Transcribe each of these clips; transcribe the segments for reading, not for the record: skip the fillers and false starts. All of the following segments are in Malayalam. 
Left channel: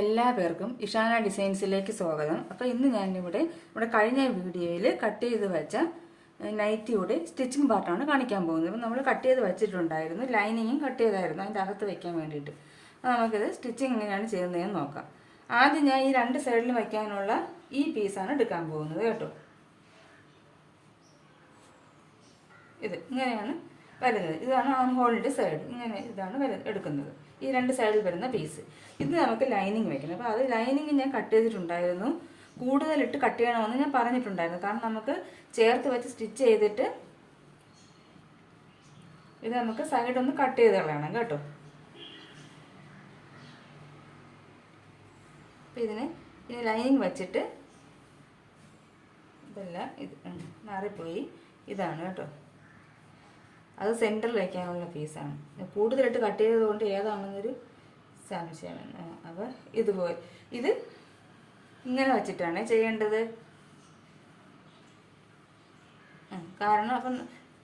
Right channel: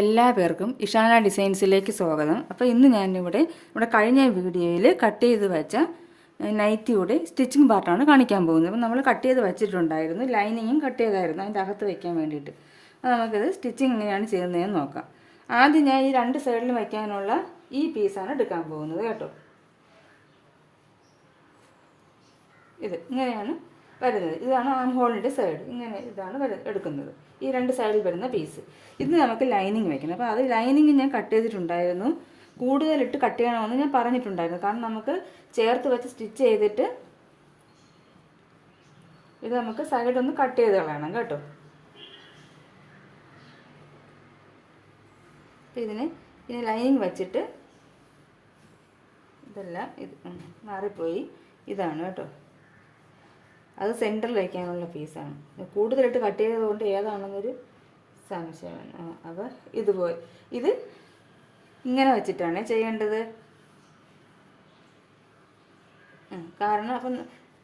എല്ലാവർക്കും ഇഷാന ഡിസൈൻസിലേക്ക് സ്വാഗതം. അപ്പോൾ ഇന്ന് ഞാനിവിടെ കഴിഞ്ഞ വീഡിയോയിൽ കട്ട് ചെയ്ത് വെച്ച നൈറ്റിയുടെ സ്റ്റിച്ചിങ് പാർട്ടാണ് കാണിക്കാൻ പോകുന്നത്. അപ്പോൾ നമ്മൾ കട്ട് ചെയ്ത് വെച്ചിട്ടുണ്ടായിരുന്നു, ലൈനിങ്ങും കട്ട് ചെയ്തായിരുന്നു അതിൻ്റെ അകത്ത് വയ്ക്കാൻ വേണ്ടിയിട്ട്. അപ്പോൾ നമുക്കിത് സ്റ്റിച്ചിങ് എങ്ങനെയാണ് ചെയ്യുന്നതെന്ന് നോക്കാം. ആദ്യം ഞാൻ ഈ രണ്ട് സൈഡിലും വയ്ക്കാനുള്ള ഈ പീസാണ് എടുക്കാൻ പോകുന്നത് കേട്ടോ. ഇത് ഇങ്ങനെയാണ് വരുന്നത്. ഇതാണ് ആം ഹോളിൻ്റെ സൈഡ്, ഇങ്ങനെ ഇതാണ് എടുക്കുന്നത്. ഈ രണ്ട് സൈഡിൽ വരുന്ന പീസ് ഇത് നമുക്ക് ലൈനിങ് വയ്ക്കണം. അപ്പോൾ അത് ലൈനിങ് ഞാൻ കട്ട് ചെയ്തിട്ടുണ്ടായിരുന്നു. കൂടുതലിട്ട് കട്ട് ചെയ്യണമെന്ന് ഞാൻ പറഞ്ഞിട്ടുണ്ടായിരുന്നു, കാരണം നമുക്ക് ചേർത്ത് വെച്ച് സ്റ്റിച്ച് ചെയ്തിട്ട് ഇത് നമുക്ക് സൈഡൊന്ന് കട്ട് ചെയ്ത് കളയണം കേട്ടോ. അപ്പോൾ ഇതിന് ലൈനിങ് വച്ചിട്ട് ഇതെല്ലാം ഇത് മാറിപ്പോയി, ഇതാണ് കേട്ടോ. അത് സെൻറ്ററിൽ വയ്ക്കാനുള്ള പീസാണ്. കൂടുതലിട്ട് കട്ട് ചെയ്തതുകൊണ്ട് ഏതാണെന്നൊരു സംശയമാണ്. അപ്പോൾ ഇതുപോലെ ഇത് ഇങ്ങനെ വെച്ചിട്ടാണ് ചെയ്യേണ്ടത്. കാരണം അപ്പം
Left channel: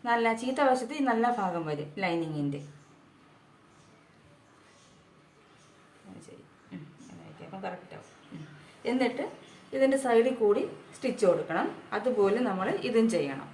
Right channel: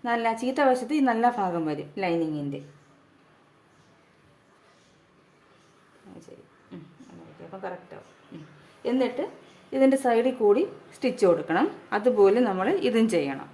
നല്ല ചീത്ത വശത്ത് ഈ നല്ല ഭാഗം വരും ലൈനിങ്ങിൻ്റെ. ശരി, അപ്പം കറക്റ്റാവും. എന്നിട്ട് ഇതിൻ്റെ സൈഡിൽ കൂടി സ്റ്റിച്ച് കൊടുക്കണം. അതുപോലെ നമ്മൾ ഇതും ചെയ്യണം.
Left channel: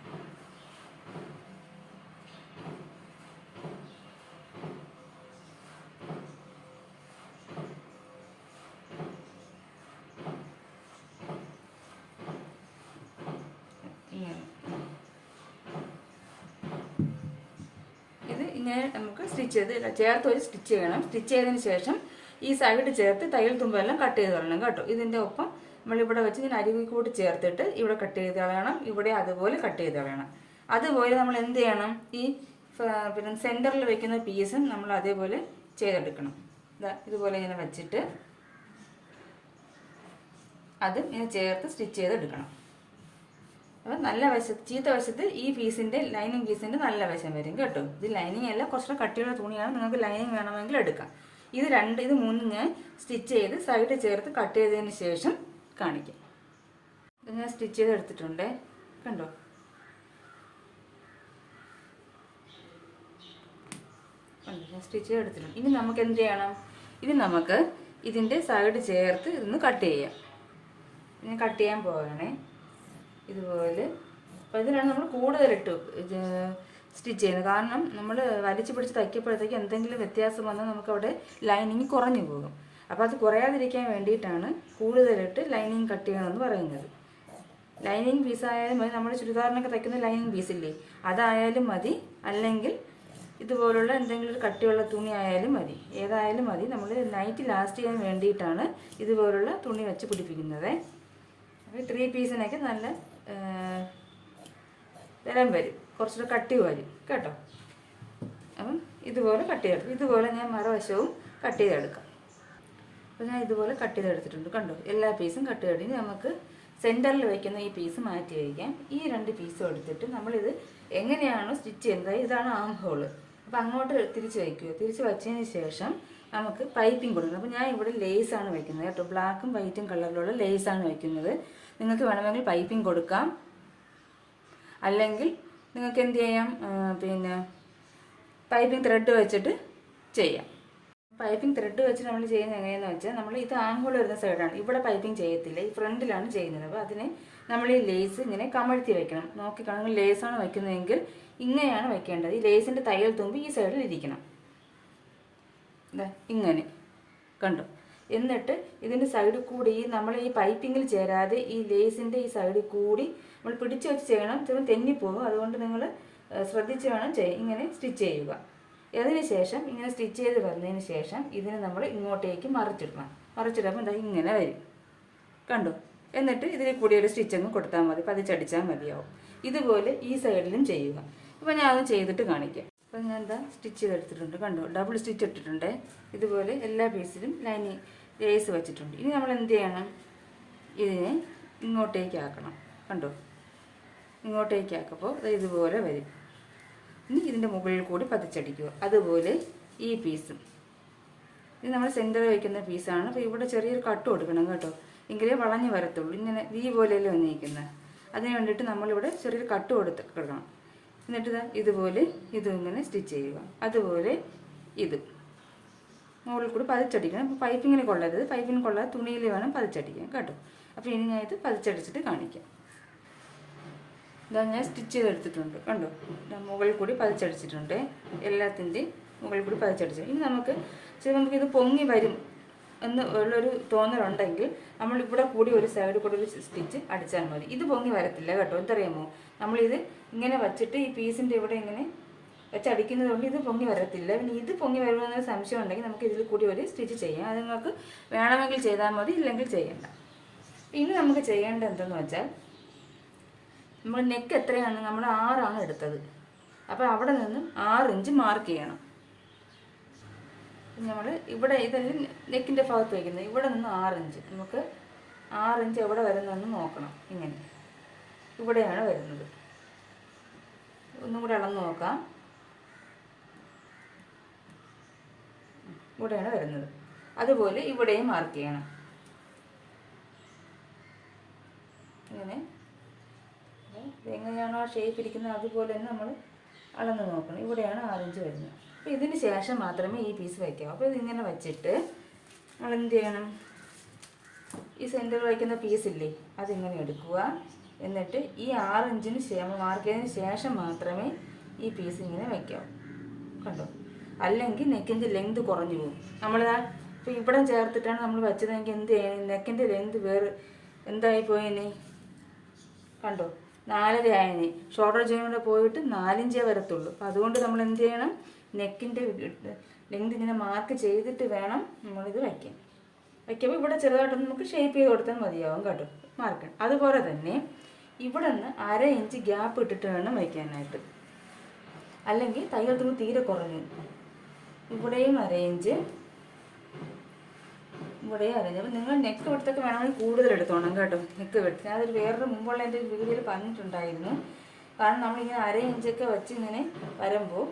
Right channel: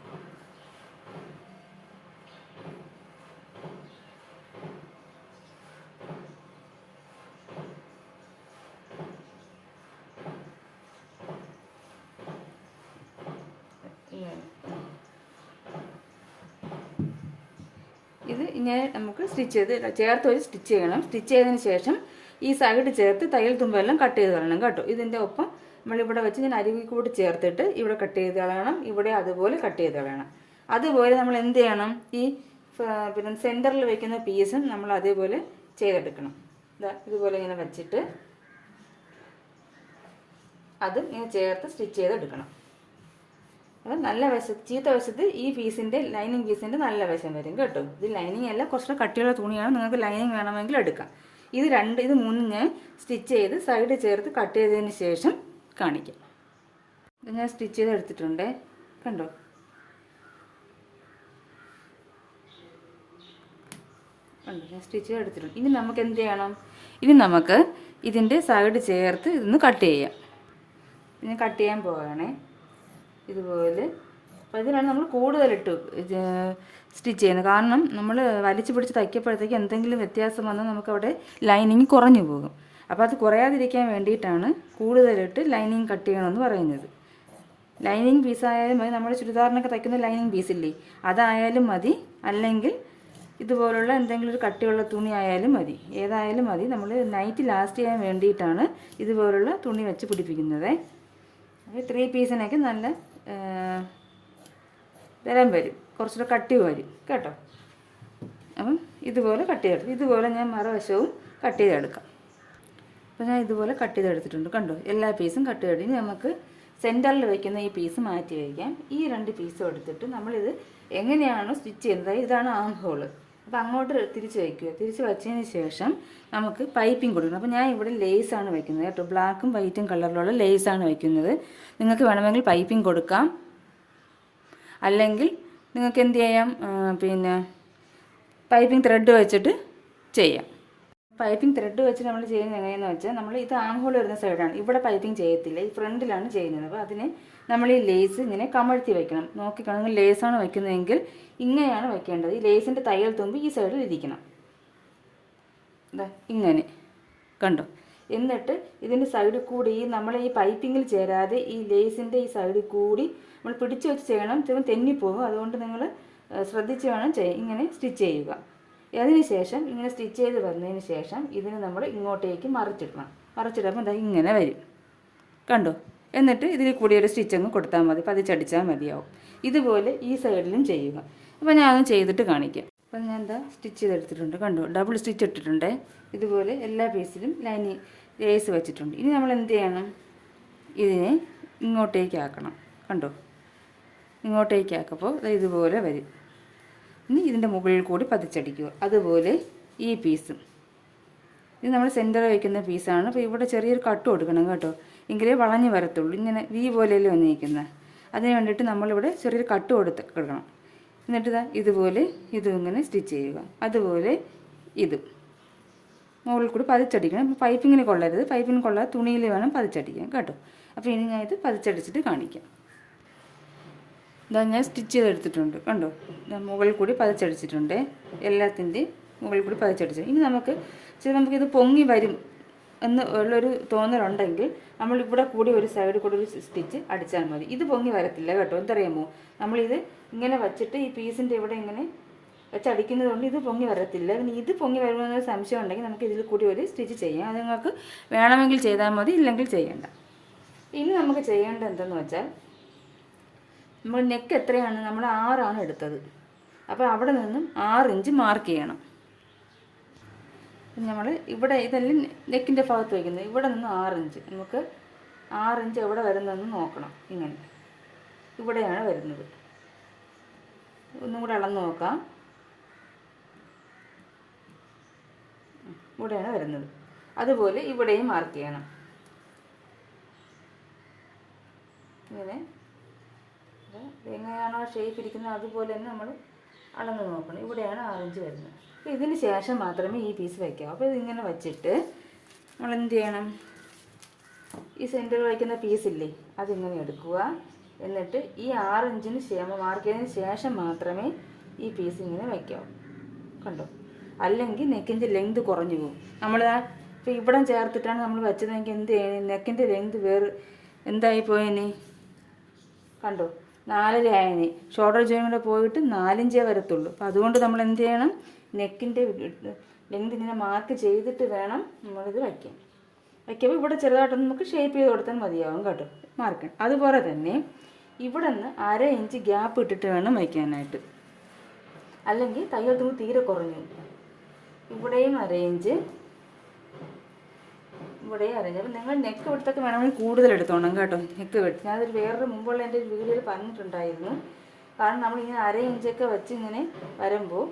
ഇത് ഇങ്ങനെ നമുക്ക് സ്റ്റിച്ച് ചെയ്ത് ചേർത്ത് വെച്ച് സ്റ്റിച്ച് ചെയ്യണം. സ്റ്റിച്ച് ചെയ്തതിന് ശേഷം ഈ സൈഡ് ചേർത്ത് തയ്യൽ തുമ്പെല്ലാം കട്ട് ചെയ്ത് കളയണം കേട്ടോ. ഇതിൻ്റെ ഒപ്പം നമ്മളിവിടെ വെച്ച് ഞാൻ അരികിൽ കൂടി ചേർത്തിട്ട് ഇവിടെ കട്ട് ചെയ്ത് കളയണം, ഇവിടെ അതുപോലെ കട്ട് ചെയ്ത് കളയണം. അതുപോലെ നമ്മൾ എന്ത് ചെയ്യണം, ഈ പിന്നെ സെൻറ്ററിൽ വെക്കുന്ന പീസും നമ്മൾ അതേപോലെ ചെയ്തെടുക്കണം. ഇതുപോലെ ഇങ്ങനെ വെച്ചിട്ട് അതും ഇങ്ങനെ ചേർത്ത് സ്റ്റിച്ച് ചെയ്തെടുക്കണം. അപ്പം നല്ല വശത്ത് ചീത്ത വശത്ത് ഈ പീസിൻ്റെ ലൈനിങ് പീസിൻ്റെ നല്ല വശം വരും കേട്ടോ. ഇത് ലൈനിങ് അല്ല, കുറച്ചുകൂടെ കട്ടിയുള്ള തുണിയാണ്, നിങ്ങൾക്ക് ലൈനിങ് വേണമെങ്കിൽ എടുക്കാം. ഇത് മൂന്നും ഞാൻ സ്റ്റിച്ച് ചെയ്ത് സൈഡ് ചേർത്ത് കട്ട് ചെയ്തതിന് ശേഷം കാണിക്കാം. ഇത് ഞാൻ സ്റ്റിച്ച് ചെയ്ത് എടുത്തിട്ടുണ്ട് കണ്ടോ. ഞാൻ സ്റ്റിച്ച് ചെയ്ത് എടുത്തിട്ടുണ്ട്. ഇനി നമുക്ക് എന്ത് ചെയ്യണം, ഇനി നമുക്ക് ഇതിൻ്റെ സൈഡ് ചേർത്ത് ഇതൊന്ന് കട്ട് ചെയ്യാം. ഇതിന് കട്ട് ചെയ്യാൻ പോവുകയാണേ ഇതുപോലെ. അപ്പോൾ ഇതിനാണ് നമ്മൾ കൂടുതലിട്ട് സ്റ്റിച്ച് ചെയ്യുന്നത്. കാരണം നമ്മൾ വലിച്ചു പിടിച്ച് തയ്ക്കപ്പോഴത്തേക്ക് എന്തെങ്കിലും വ്യത്യാസം വന്നാൽ നമുക്കവിടെ ലൈനിങ് കുറഞ്ഞു പോകും. അപ്പോൾ അത് കുറയാതിരിക്കാൻ വേണ്ടിയിട്ടാണ് കൂടുതലിട്ട് ലൈനിങ് കട്ട് ചെയ്യണമെന്ന് പറയുന്നത്. ലൈനിങ് പീസായാലും മതി, നമ്മുടെ ചുരിദാറിനൊക്കെ തയ്ക്കുന്ന ലൈനിങ് പീസില്ലേ, അതായാലും മതി, അല്ലെങ്കിൽ ഇതുപോലുള്ള എന്തെങ്കിലും ഒരു കട്ടിയുള്ള തുണി ആയാലും മതി, ഏതായാലും മതി. നമ്മൾ നൈറ്റ് ലാസ്റ്റ് ചെയ്യാൻ വേണ്ടിയിട്ടാണ് ഇതുപോലുള്ള തുണി വെച്ച് പിടിപ്പിക്കുന്നത്. അപ്പോൾ 3 പീസിനൊക്കെ നല്ല തരം വരും, കുറച്ചുകൂടെ കട്ടി വരും കേട്ടോ. അപ്പം ഇതുപോലെ കട്ട് ചെയ്തെടുത്തു. ഇതുപോലെ ഞാൻ മറുവശവും കട്ട് ചെയ്തെടുക്കാം. അപ്പോൾ ഞാൻ ഇതുപോലെ കട്ട് ചെയ്തെടുത്തിട്ടുണ്ട് കണ്ടോ. എല്ലാ പീസും കട്ട് ചെയ്ത് നമുക്ക് സെൻറ്ററിൽ വയ്ക്കുന്ന ഈ പീസ് മാറ്റി വയ്ക്കാം. ഈ 2 പീസും എടുത്തിട്ട് നമ്മളിത് എങ്ങനെയാണ് സ്റ്റിച്ച് ചെയ്യുന്നത്, ഇതാണ് ആം ഹോള്. അപ്പോൾ അങ്ങോട്ട് തിരിച്ച് വയ്ക്കുക. തിരിച്ച് വച്ചതിന് ശേഷം നമുക്ക് പൈപ്പിംഗ് കൊടുക്കണം. അപ്പോൾ ഞാൻ ഇവിടെ ലേസാണ് വയ്ക്കുന്നത് കേട്ടോ. ബ്ലാക്കും വൈറ്റും കളറിലുള്ള ലേസാണ് വയ്ക്കുന്നത്. നിങ്ങൾക്ക് വേണമെങ്കിൽ പൈപ്പിംഗ് കൊടുക്കാം, അല്ലെങ്കിൽ നിങ്ങൾക്ക് എന്ത് ചെയ്യാം, പിന്നെ പൈപ്പിംഗ് ത്രെഡ് വെച്ചിട്ട് ചെയ്യാം. പൈപ്പിംഗ് ത്രെഡ് വെച്ച് നമ്മൾ ചെയ്യുന്നത് എങ്ങനെയാണെന്ന് വെച്ചാൽ, നമ്മൾ ഇത് ആം ഹോൾ വരുന്ന സൈഡാണ്, ഇവിടെ പൈപ്പിംഗ് ചെയ്യത്തില്ല, ഈ ഫ്രണ്ടിലാണ് ചെയ്യുന്നത്. അപ്പോൾ അതിന് നമ്മൾ ഈ ലേസ് ഇങ്ങനെ കമഴ്ത്തി വയ്ക്കണം. നോക്കിക്കാണെങ്കിൽ ലേസാണ് വയ്ക്കുന്നതെങ്കിൽ ഇങ്ങനെയാണ് വയ്ക്കേണ്ടത്. ഈ ലേസിൻ്റെ തയ്യൽ തുമ്പ് ഈ സൈഡിൽ ഇരിക്കണം, ഇങ്ങനെ കണ്ടോ. എന്നിട്ട് ഇതിൻ്റെ സൈഡിൽ കൂടി നമ്മൾ ഈ പൈപ്പിങ്ങിൽ ചേരാതെ ഈ ലേസിൻ്റെ ഈ സൈഡിൽ കൂടി നമ്മൾ പിടിച്ചു വെച്ച് ചെയ്യണം, തെന്നിപ്പോകും. അതുകൊണ്ട് നിങ്ങൾ ശ്രദ്ധിച്ച് വേണം ഇങ്ങനെ സ്റ്റിച്ച് ചെയ്യുക. അതിന് ശേഷം ഇങ്ങനെ സ്റ്റിച്ച് ചെയ്ത് വന്നതിന് ശേഷം ഇതിനെ നമ്മൾ ഇങ്ങോട്ടേക്ക് മറിച്ചിടണം. മറിച്ചിടുമ്പോൾ ഇങ്ങനെ വരും കണ്ടോ. എന്നിട്ട് ഇതിൽ കൂടി ഒരു സ്റ്റിച്ചങ്ങ് കൊടുത്താൽ മതി, പതിച്ചടിച്ചാൽ മതിയാവും. ഇതുപോലെ ഈ സൈഡിലും ചെയ്യുക. അപ്പോൾ ഞാൻ അതും ചെയ്തിട്ട് കാണിക്കാം. അപ്പോൾ ഞാൻ സ്റ്റിച്ച് ചെയ്തെടുത്തിട്ടുണ്ട് കണ്ടോ. ഡബിൾ സ്റ്റിച്ച് ഇട്ടിട്ടുണ്ട്. ഇതുപോലെ എല്ലാ പീസിലും ലൈനിങ് ലേസ് വെച്ചിട്ടുണ്ട്. ഇനി നമ്മൾ എന്ത് ചെയ്യണം, ഇതിനെ ഇങ്ങോട്ടേക്ക് ആക്കണം കണ്ടോ. ഇങ്ങോട്ടേക്ക് ആക്കുമ്പോൾ ഇതുപോലെ വരും. ഇനി ഇതിൻ്റെ മുകളിൽ കൂടി പതിച്ചടിക്കുക. അതുപോലെ ഈ പീസും, ഇത് നമ്മൾ സെൻറ്ററിൽ വയ്ക്കുന്ന പീസാണ്. അപ്പോൾ ഇവിടെ ചെറിയൊരു കട്ട് കൊടുക്കണം കേട്ടോ, എങ്കിലേ വളഞ്ഞ് വരത്തുള്ളൂ. ഇങ്ങനെ വി പോലെയല്ലേ വന്നിരിക്കുന്നത്. അതിന് വേണ്ടിയിട്ട് നമ്മളിവിടെ ചെറിയൊരു കട്ട് കൊടുക്കണം. എന്നിട്ട് ഇതുപോലെ ഇതും ഇങ്ങനെ സ്റ്റിച്ച് ചെയ്യുക. അതുപോലെ ഇത് മുകളിൽ കൂടി പതിച്ചടിക്കണം. പൈപ്പിങ്ങിന് കൊള്ളരുത്, പൈപ്പിന് കൊള്ളാതെ തുണിയിൽ വേണം പതിച്ചടിക്കാൻ കേട്ടോ. അപ്പോൾ ഇനി ഞാൻ ഇത് പതിച്ചടിച്ചിട്ട് കാണിക്കാം. ഇതാ ഞാൻ സ്റ്റിച്ച് ചെയ്തെടുത്തിട്ടുണ്ട് കണ്ടോ. മുകളിൽ കൂടി പതിച്ചടിച്ചിട്ടുണ്ട്, എല്ലാത്തിൻ്റെയും മുകളിൽ കൂടി പതിച്ചടിച്ചു. ഇനി നമുക്കിത് പൊങ്ങി വരും എന്ന് ഉള്ളൊരു തോന്നലുണ്ടെങ്കിൽ നമ്മളിവിടെ കൂടി ഒരു സൈഡിൽ കൂടി ഒരു സ്റ്റിച്ച് അടിച്ചാൽ മതി. ഇത് പൊങ്ങി വരത്തില്ല കേട്ടോ. എന്തറിയാമോ, നമ്മളിത് ഇങ്ങനെ വച്ചിട്ട് ഈ പീസിൻ്റെ ഇവിടെ ഇങ്ങനെ വെച്ചടിക്കുന്നത് കൊണ്ട് ഇത് പൊങ്ങി വരത്തില്ല. പിന്നെ ഇത് പൊങ്ങി വരുമെന്നൊരു സംശയം ഉണ്ടെങ്കിൽ നമുക്ക് ഇതിൽ കൂടി ഒരു സ്റ്റിച്ച് ചെയ്യാം. അത് നിങ്ങൾക്ക് വേണമെങ്കിൽ ചെയ്താൽ മതി, ഇല്ലെങ്കിൽ ചെയ്യണ്ട. ഇനി നമുക്ക് ചെയ്യേണ്ടത് എന്തെന്ന് വെച്ചാൽ, നമ്മൾ നെക്ക് എത്രയാണ്, നമ്മൾ 6 എടുത്തത്. അപ്പോൾ അവിടെ നിന്നും 6 ഇഞ്ച് മാർക്ക് ചെയ്യണം. നമ്മൾ ഇവിടെ ഇതെല്ലാം നെക്കിൻ്റെ ഭാഗത്ത് വയ്ക്കുന്നത്, ഇവിടെ നിന്ന് 6 ഇഞ്ച്. നമുക്ക് 6 ഇഞ്ച് എവിടെ വരുന്നതെന്ന് നോക്കണം. ഇങ്ങനെ ഇവിടെയാണ് വരുന്നത്. ഒന്നും കൂടെ അളന്ന് നോക്കാം. ഇവിടെയാണ് വരുന്നത്. അതുപോലെ ഇവിടെയും മാർക്ക് ചെയ്യണം. ഇങ്ങനെ എങ്ങനെയാണോ ഷേപ്പ് ഇരിക്കുന്നത് അതുപോലെ തന്നെ നമ്മൾ അളന്ന് നോക്കണം. ഇവിടെയാണ് 6 ഇഞ്ച് വരുന്നത്. അപ്പോൾ ഇതിന് ശേഷം മാത്രമേ ഈ പീസ് വയ്ക്കാവൂ. അപ്പോൾ ഇതിങ്ങനെ വച്ചിട്ട് നമ്മൾ എന്ത് ചെയ്യണം, ഈ സെൻറ്ററിൽ വയ്ക്കുന്ന പീസില്ലേ അതിങ്ങനെ എടുക്കുക. എന്നിട്ട് ഈ 6 ഇഞ്ചിന് മാർക്ക് ചെയ്തതിന് ശേഷം മാത്രമേ ഈ പീസ് ഇങ്ങനെ വയ്ക്കാവൂ കണ്ടോ. അല്ലെങ്കിൽ നെക്കിൻ്റെ ലെങ്ത് കുറഞ്ഞു പോകും. നമ്മൾ ഇപ്പോൾ ഇവിടെ ചേർത്തിട്ടാണ് നമ്മൾ വെച്ചതെങ്കിൽ എന്ത് ചെയ്യണം, നെക്കിൻ്റെ ലെങ്ത് വേറെ എന്തായിപ്പോയിനി കണ്ടോ, 4.5 ആയിന്. ഷോൾഡർ ജോയിൻ കൂടെ പോയിട്ട് 4 ഇഞ്ചേ വരത്തുള്ളൂ. അപ്പോൾ അതുകൊണ്ട് നമ്മൾ എന്ത് ചെയ്യണം, നെക്കിൻ്റെ ലെങ്ത് ഇങ്ങനെ മാർക്ക് ചെയ്തിട്ട് വേണം നമ്മളിത് വയ്ക്കാൻ. വയ്ക്കുമ്പോൾ ഇവിടെ ചെറുതായിട്ടൊന്ന് നമുക്ക് ഷേപ്പ് ചെയ്ത് കൊടുത്താൽ മതിയാവും കേട്ടോ, മാർക്കണം. അതുപോലെ തന്നെ ഇവിടെ നിന്ന് 1/2 ഇഞ്ച് ഗ്യാപ്പ് ഇട്ടിട്ട് വേണം വയ്ക്കാനായിട്ട്, അല്ലെങ്കിൽ തയ്യൽ തുണി തീരെ കുറഞ്ഞു. ഇവിടെയും 1/2 ഇഞ്ച്, ഇവിടെയും 1/2 ഇഞ്ച്. അപ്പോൾ നിങ്ങൾ നെക്ക് വെടുത്തൊക്കെ വേണമെങ്കിൽ കൂടുതൽ എടുത്തോണം കേട്ടോ. നെക്ക് വെട്ട് ഞാനതൊരു വേറൊരു മുമ്പുള്ള എൻ്റെ ഒരു വീഡിയോയിൽ പറഞ്ഞിട്ടുണ്ടായിരുന്നു. കാരണം നമ്മളിങ്ങനെ 1/2 ഇഞ്ചൊക്കെ വെച്ച് ഇങ്ങനെ വരുമ്പോൾ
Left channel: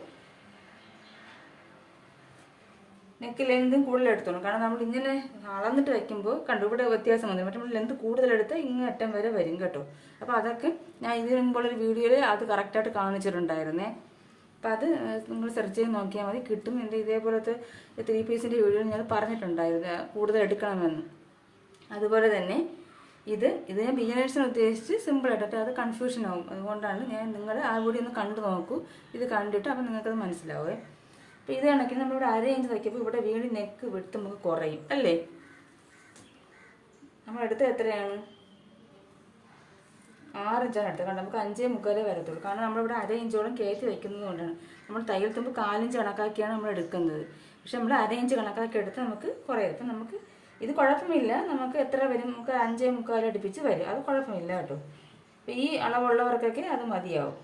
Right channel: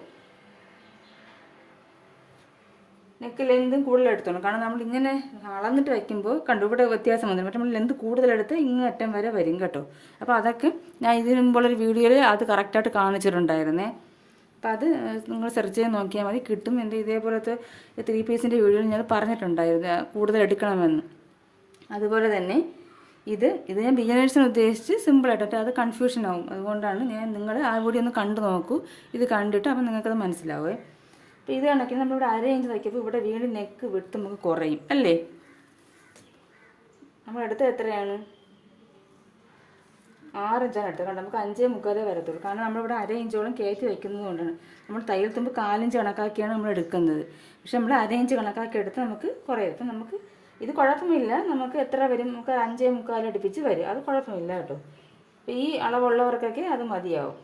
നെക്ക് ലെന്തും കൂടുതൽ എടുത്തോണം. കാരണം നമ്മളിങ്ങനെ അളന്നിട്ട് വയ്ക്കുമ്പോൾ കണ്ടു ഇവിടെ വ്യത്യാസം വന്നു. പക്ഷേ നമ്മൾ ലെന്ത് കൂടുതലെടുത്ത് ഇങ്ങ് അറ്റം വരെ വരും കേട്ടോ. അപ്പോൾ അതൊക്കെ ഞാൻ ഇതിന് മുമ്പുള്ളൊരു വീഡിയോയിൽ അത് കറക്റ്റായിട്ട് കാണിച്ചിട്ടുണ്ടായിരുന്നേ. അപ്പോൾ അത് നിങ്ങൾ സെർച്ച് ചെയ്ത് നോക്കിയാൽ മതി, കിട്ടും. എൻ്റെ ഇതേപോലത്തെ 3 പീസിൻ്റെ വീഡിയോയിൽ ഞാൻ പറഞ്ഞിട്ടുണ്ടായിരുന്നു കൂടുതൽ എടുക്കണമെന്ന്. അതുപോലെ തന്നെ ഇത് ഞാൻ ബിഗിനേഴ്സിന് ഉദ്ദേശിച്ച് സിമ്പിളായിട്ട്, അത് കൺഫ്യൂഷൻ ആവും. അതുകൊണ്ടാണ് നിങ്ങൾ ആ വീഡിയോ ഒന്ന് കണ്ടു നോക്കൂ. ഇത് കണ്ടിട്ട് അപ്പോൾ നിങ്ങൾക്കത് മനസ്സിലാവേ. അപ്പോൾ ഇത് കണക്കിന് നമ്മളിവിടെ 1/2 ഇഞ്ച് വയ്ക്കുമ്പോൾ ഇവിടെ വീണ്ടും നെക്ക് വിട്ട് നമുക്ക് കുറയും അല്ലേ. നമ്മളെടുത്തത് എത്രയാണ്, 6 ഇഞ്ചാണ് എടുത്തത്. കണ്ടോ, നമുക്ക് 5.25 വരത്തുള്ളൂ. കാരണം നമ്മളിവിടെ 1/2 ഇഞ്ചോളം കയറ്റി വയ്ക്കുന്നത് കൊണ്ടാണ്. നമ്മൾ തയ്യൽ തുമ്പ് 4 ഇഞ്ച് കണക്കാക്കിയാണ് നമ്മൾ എടുക്കുന്നത്. പക്ഷെ നമ്മൾ 1/2 ഇഞ്ച് കണക്കാക്കി എടുത്ത് നമുക്ക് കുറയും. നമുക്ക് ഇത് കുഴപ്പമില്ല, നമുക്ക് എത്ര വരും, നമുക്ക് 5.25 അടുപ്പിച്ച് വരും. അത് കുഴപ്പമില്ല കേട്ടോ. അപ്പോൾ ഈ അളവുള്ളവർക്കൊക്കെ അത് മതിയാവും.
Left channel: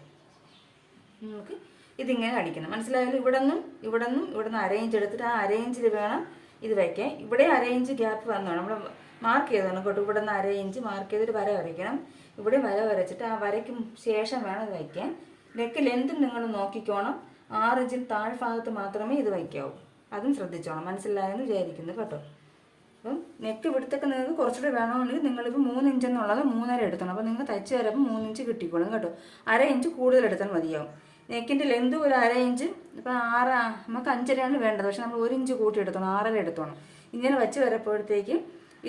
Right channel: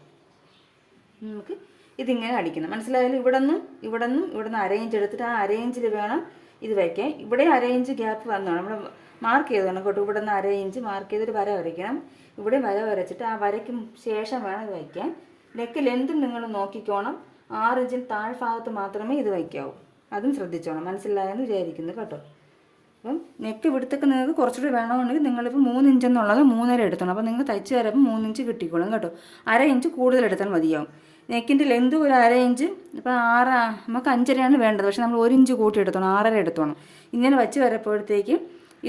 നമുക്ക് ഇതിങ്ങനെ അടിക്കണം, മനസ്സിലായാലും. ഇവിടെ നിന്ന് 1/2 ഇഞ്ച് എടുത്തിട്ട് ആ 1/2 ഇഞ്ചിൽ വേണം ഇത് വയ്ക്കാൻ. ഇവിടെ 1/2 ഇഞ്ച് ഗ്യാപ്പ് വന്നതാണ് നമ്മൾ മാർക്ക് ചെയ്തതാണ് കേട്ടോ. ഇവിടെ നിന്ന് 1/2 ഇഞ്ച് മാർക്ക് ചെയ്തിട്ട് വര വരയ്ക്കണം. ഇവിടെ വര വരച്ചിട്ട് ആ വരയ്ക്ക് ശേഷം വേണം ഇത് വയ്ക്കാൻ. നെക്ക് ലെന്തും നിങ്ങൾ നോക്കിക്കോണം. 6 ഇഞ്ചിന് താഴ്ഭാഗത്ത് മാത്രമേ ഇത് വയ്ക്കാവൂ. അതും ശ്രദ്ധിച്ചോണം, മനസ്സിലായെന്ന് വിചാരിക്കുന്നു കേട്ടോ. അപ്പം നെക്ക് വിടുത്തൊക്കെ നിങ്ങൾക്ക് കുറച്ചുകൂടി വേണമെന്നുണ്ടെങ്കിൽ നിങ്ങളിപ്പോൾ 3 ഇഞ്ച് എന്നുള്ളത് 3.5 എടുത്തോണം. അപ്പോൾ നിങ്ങൾ തയ്ച്ച് തരപ്പോൾ 3 ഇഞ്ച് കിട്ടിക്കോളും കേട്ടോ. 1/2 ഇഞ്ച് കൂടുതൽ എടുത്താൽ മതിയാവും. നെക്കിൻ്റെ ലെന്ത് ഒരു 1/2 ഇഞ്ച്, ഇപ്പോൾ 6 നമുക്ക് 5.5 വേണ്ടത്. പക്ഷേ നമ്മൾ 1 ഇഞ്ച് കൂട്ടി എടുത്തോണം, 6.5 എടുത്തോണം. ഇങ്ങനെ വച്ച് വരപ്പോഴത്തേക്ക്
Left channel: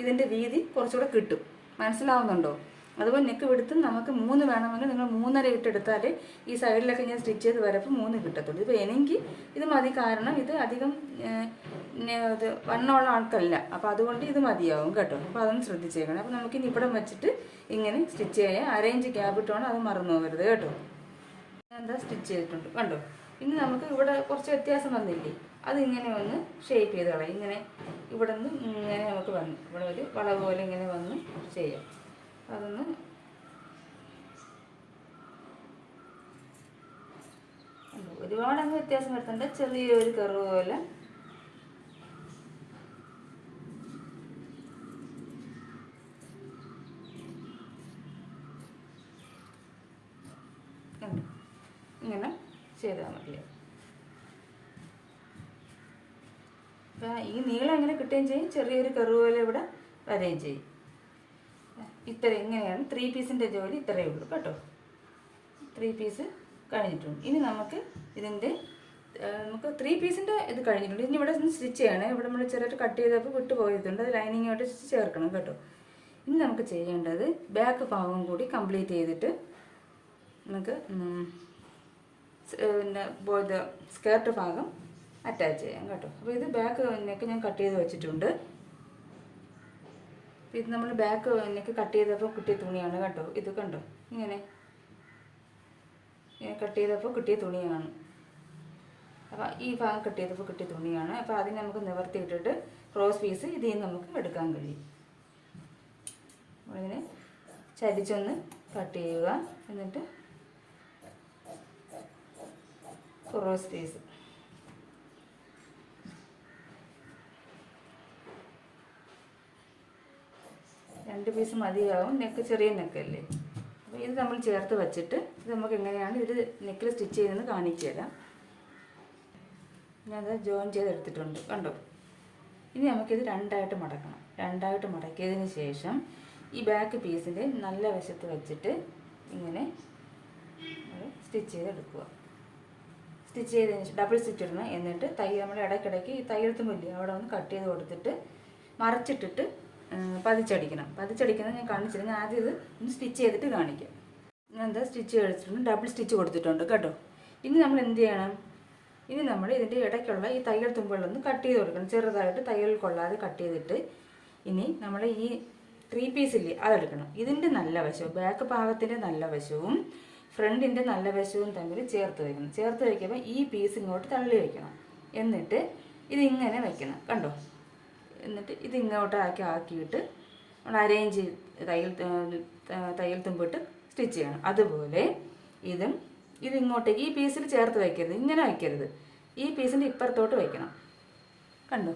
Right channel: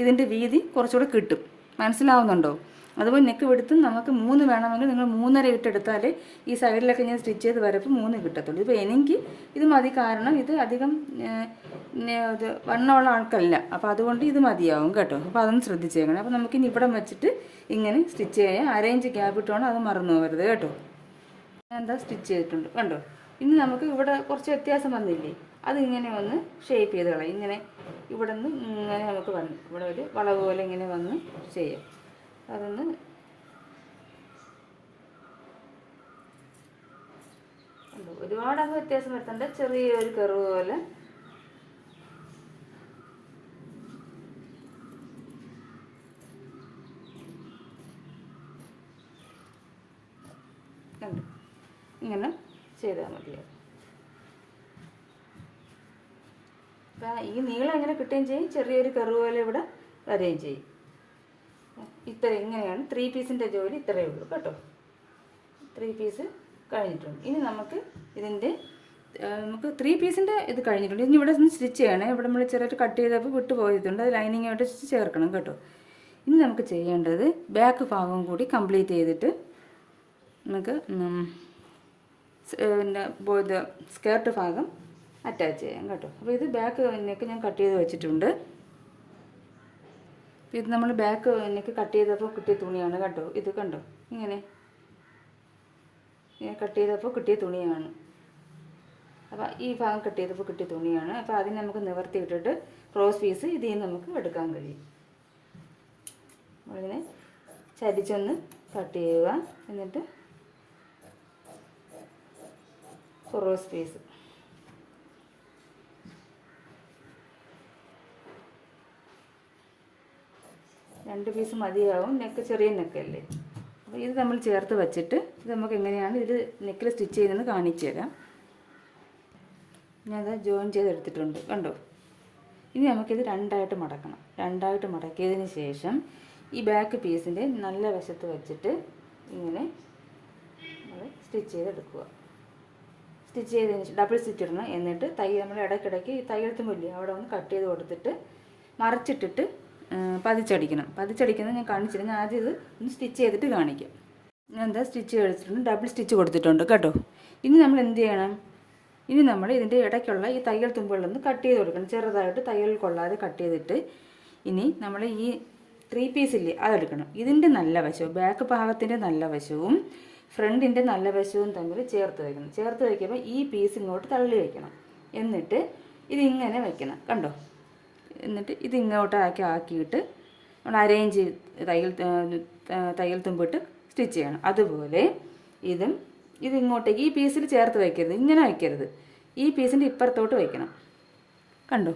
ഇതിൻ്റെ വീതി കുറച്ചുകൂടെ കിട്ടും, മനസ്സിലാവുന്നുണ്ടോ. അതുപോലെ നെക്ക് വെടുത്തും നമുക്ക് 3 വേണമെങ്കിൽ നിങ്ങൾ 3.5 ഇട്ടെടുത്താൽ ഈ സൈഡിലൊക്കെ ഞാൻ സ്റ്റിച്ച് ചെയ്ത് വരപ്പോൾ 3 കിട്ടത്തുള്ളൂ. ഇപ്പോൾ എനിക്ക് ഇത് മതി, കാരണം ഇത് അധികം ഇത് വണ്ണമുള്ള ആൾക്കല്ല. അപ്പോൾ അതുകൊണ്ട് ഇത് മതിയാവും കേട്ടോ. അപ്പോൾ അതൊന്ന് ശ്രദ്ധിച്ചേക്കണം. അപ്പോൾ നമുക്കിനി ഇവിടെ വെച്ചിട്ട് ഇങ്ങനെ സ്റ്റിച്ച് ചെയ്യാം. 1/2 ഇഞ്ച് ഗ്യാപ്പ് ഇട്ടുകൊണ്ട് അത് മറന്നു പോകരുത് കേട്ടോ. എന്താ സ്റ്റിച്ച് ചെയ്തിട്ടുണ്ട് കണ്ടോ. ഇനി നമുക്ക് ഇവിടെ കുറച്ച് വ്യത്യാസം വന്നില്ലേ, അതിങ്ങനെ ഒന്ന് ഷേപ്പ് ചെയ്ത് കളയാം. ഇങ്ങനെ ഇവിടെ നിന്ന് ഇങ്ങനെ നമുക്ക് വന്നു ഇവിടെ ഒരു വളവ് പോലെ ഇങ്ങനെ വന്ന് ചെയ്യാം. അതൊന്ന് ഒരുപാടങ്ങ് വ്യത്യാസം വരുത്തണ്ട, ചെറിയൊരു കർവ് പോലെ ഇങ്ങനെ ചെയ്താൽ മതിയാവും. ഈ നീളം എങ്ങനെ കിട്ടുകയും ചെയ്യും, ചെറിയൊരു കർവ് പോലെ ഇവിടെ വരികയും ചെയ്യും. ഇത്ര ഇങ്ങനെയാണ് 3 പീസിൻ്റെ ജോലി ഇത്രയേ ഉള്ളൂ കേട്ടോ. 3 പീസ് കഴിഞ്ഞിട്ടുണ്ട്. ഇനി നമുക്ക് ഇതിൻ്റെ നമുക്ക് 3 പീസിൻ്റെ ഇത് കഴിഞ്ഞിട്ടുണ്ട്. ഇനി ഇവിടെ ഒന്ന് സ്റ്റിച്ച് ചെയ്യണേ. ഇവിടെ നമ്മൾ ചെറുതായിട്ട് കട്ട് ചെയ്തപ്പോൾ വിട്ട് പോയിട്ടുണ്ട്. അത് ലൈനിങ്ങായിട്ട് ചേർക്കണം കേട്ടോ. ഇനി നമുക്ക് ചെയ്യേണ്ടത് ബാക്ക് ഭാഗം കൂടി കംപ്ലീറ്റ് ചെയ്തിട്ട് നമുക്ക് പിന്നെ സ്കേർട്ട് ഭാഗം അറ്റാച്ച് ചെയ്യാം കേട്ടോ. അപ്പോൾ ഇത് ബാക്ക് നെക്ക് ഞാൻ കട്ട് ചെയ്ത് വെച്ചിട്ടുണ്ട്. ഇത് നമ്മൾ ബാക്ക് നെക്ക് കട്ട് ചെയ്തപ്പോൾ കിട്ടിയ തുണിയാണ് കേട്ടോ. ഇത് കണ്ടോ, ഇങ്ങനെ കട്ട് ചെയ്തപ്പോൾ കിട്ടിയ തുണിയാണ്. അപ്പോൾ ഈ ഭാഗം കട്ട് ചെയ്തപ്പോൾ കിട്ടിയ തുണിയാണ്. അപ്പോൾ അതിന് നമുക്ക് നിവർത്തിയിട്ടിട്ട് ക്രോസ് പീസ് ഇതിൽ നിന്ന് നമുക്ക് എടുക്കാൻ കഴിയും. അതിനെ ചരിച്ചൊന്ന് കട്ട് ചെയ്യുക. എന്നിട്ട് ക്രോസ് പീസ് രണ്ട് പീസ് മതിയാവും. നെക്ക് ചെറിയ നെക്കല്ലേ. അപ്പോൾ ഇത് നമ്മൾ ചേർത്ത് വെച്ചിട്ട് ഇത് നമുക്ക് എങ്ങനെയാണ് ഇത് നെക്കിൽ സ്റ്റിച്ച് ചെയ്യുന്നതെന്ന് കാണിച്ചു തരാം. ഞാനത് ജോയിൻ ചെയ്തെടുത്തിട്ടുണ്ട് കണ്ടോ. ഇനി നമുക്കിത് രണ്ടായിട്ട് മടക്കണം. രണ്ടായിട്ട് മടക്കിയതിന് ശേഷം ഈ ബാക്ക് പീസിൻ്റെ നല്ല വശത്ത് വെച്ചിട്ട് ഇങ്ങനെ സ്റ്റിച്ച് ചെയ്തെടുക്കുക. സ്റ്റിച്ച് ചെയ്തതിന് ശേഷം ഡബിൾ സ്റ്റിച്ച് ഇടണം. എന്നിട്ട് നമ്മൾ ഇടയ്ക്കിടയ്ക്ക് ഈ തയ്യൽ തുമ്പില്ലേ അവിടെ ഒന്ന് കട്ട് ചെയ്ത് കൊടുത്തിട്ട് മറിച്ചിട്ടിട്ട് പതിച്ചടിക്കണം. പതിച്ചടിക്കുന്നത് ഞാൻ കാണിച്ചില്ല. ഞാൻ ആദ്യം ഇത് ഒന്ന് സ്റ്റിച്ച് ചെയ്തിട്ട് കാണിക്കാം. ഞാൻ എന്താ സ്റ്റിച്ച് ചെയ്തിട്ടുണ്ട്, ഡബിൾ സ്റ്റിച്ച് കൊടുത്തിട്ടുണ്ട് കേട്ടോ. ഇനി നമ്മൾ എന്ത് ചെയ്യണം, ഇനി നമ്മൾ ഇതിൻ്റെ ഇടയ്ക്കുള്ള ഈ തയ്യൽ തുമ്പുകളൊന്ന് കട്ട് ചെയ്ത് കൊടുക്കണം. ചെറുതായിട്ട് തയ്യൽ കൊള്ളാതെ കട്ട് ചെയ്തിട്ട് ഇനി നമ്മൾ ഈ 3 പീസില്ലേ അതെടുക്കണം. ഇതിൻ്റെ നല്ല വശവും ബാക്ക് ഭാഗത്തിൻ്റെ നല്ല വശവും ഫ്രണ്ടിൻ്റെ നല്ല വശവും തമ്മിൽ ചേർത്ത് വയ്ക്കണം. ചേർത്ത് വയ്ക്കുമ്പോൾ ഈ പീസ് ഇങ്ങോട്ട് തള്ളി വയ്ക്കണം. എന്നിട്ട് ഇതിങ്ങനെ വയ്ക്കണം കണ്ടോ. എന്നിട്ട് ഇത് ആക്കിയിട്ട് നമ്മൾ അരേഞ്ച് തയ്യൽ തുമ്പിട്ട് സ്റ്റിച്ച് ചെയ്യണം. അതുപോലെ ഇതിങ്ങോട്ടേക്ക് ഈ പീസിൽ ചേർത്ത് വയ്ക്കരുത്, ഇങ്ങനെ വയ്ക്കരുത്. ഈ പീസിൻ്റെ ഇപ്പുറത്തോട്ട് വയ്ക്കണം കണ്ടോ.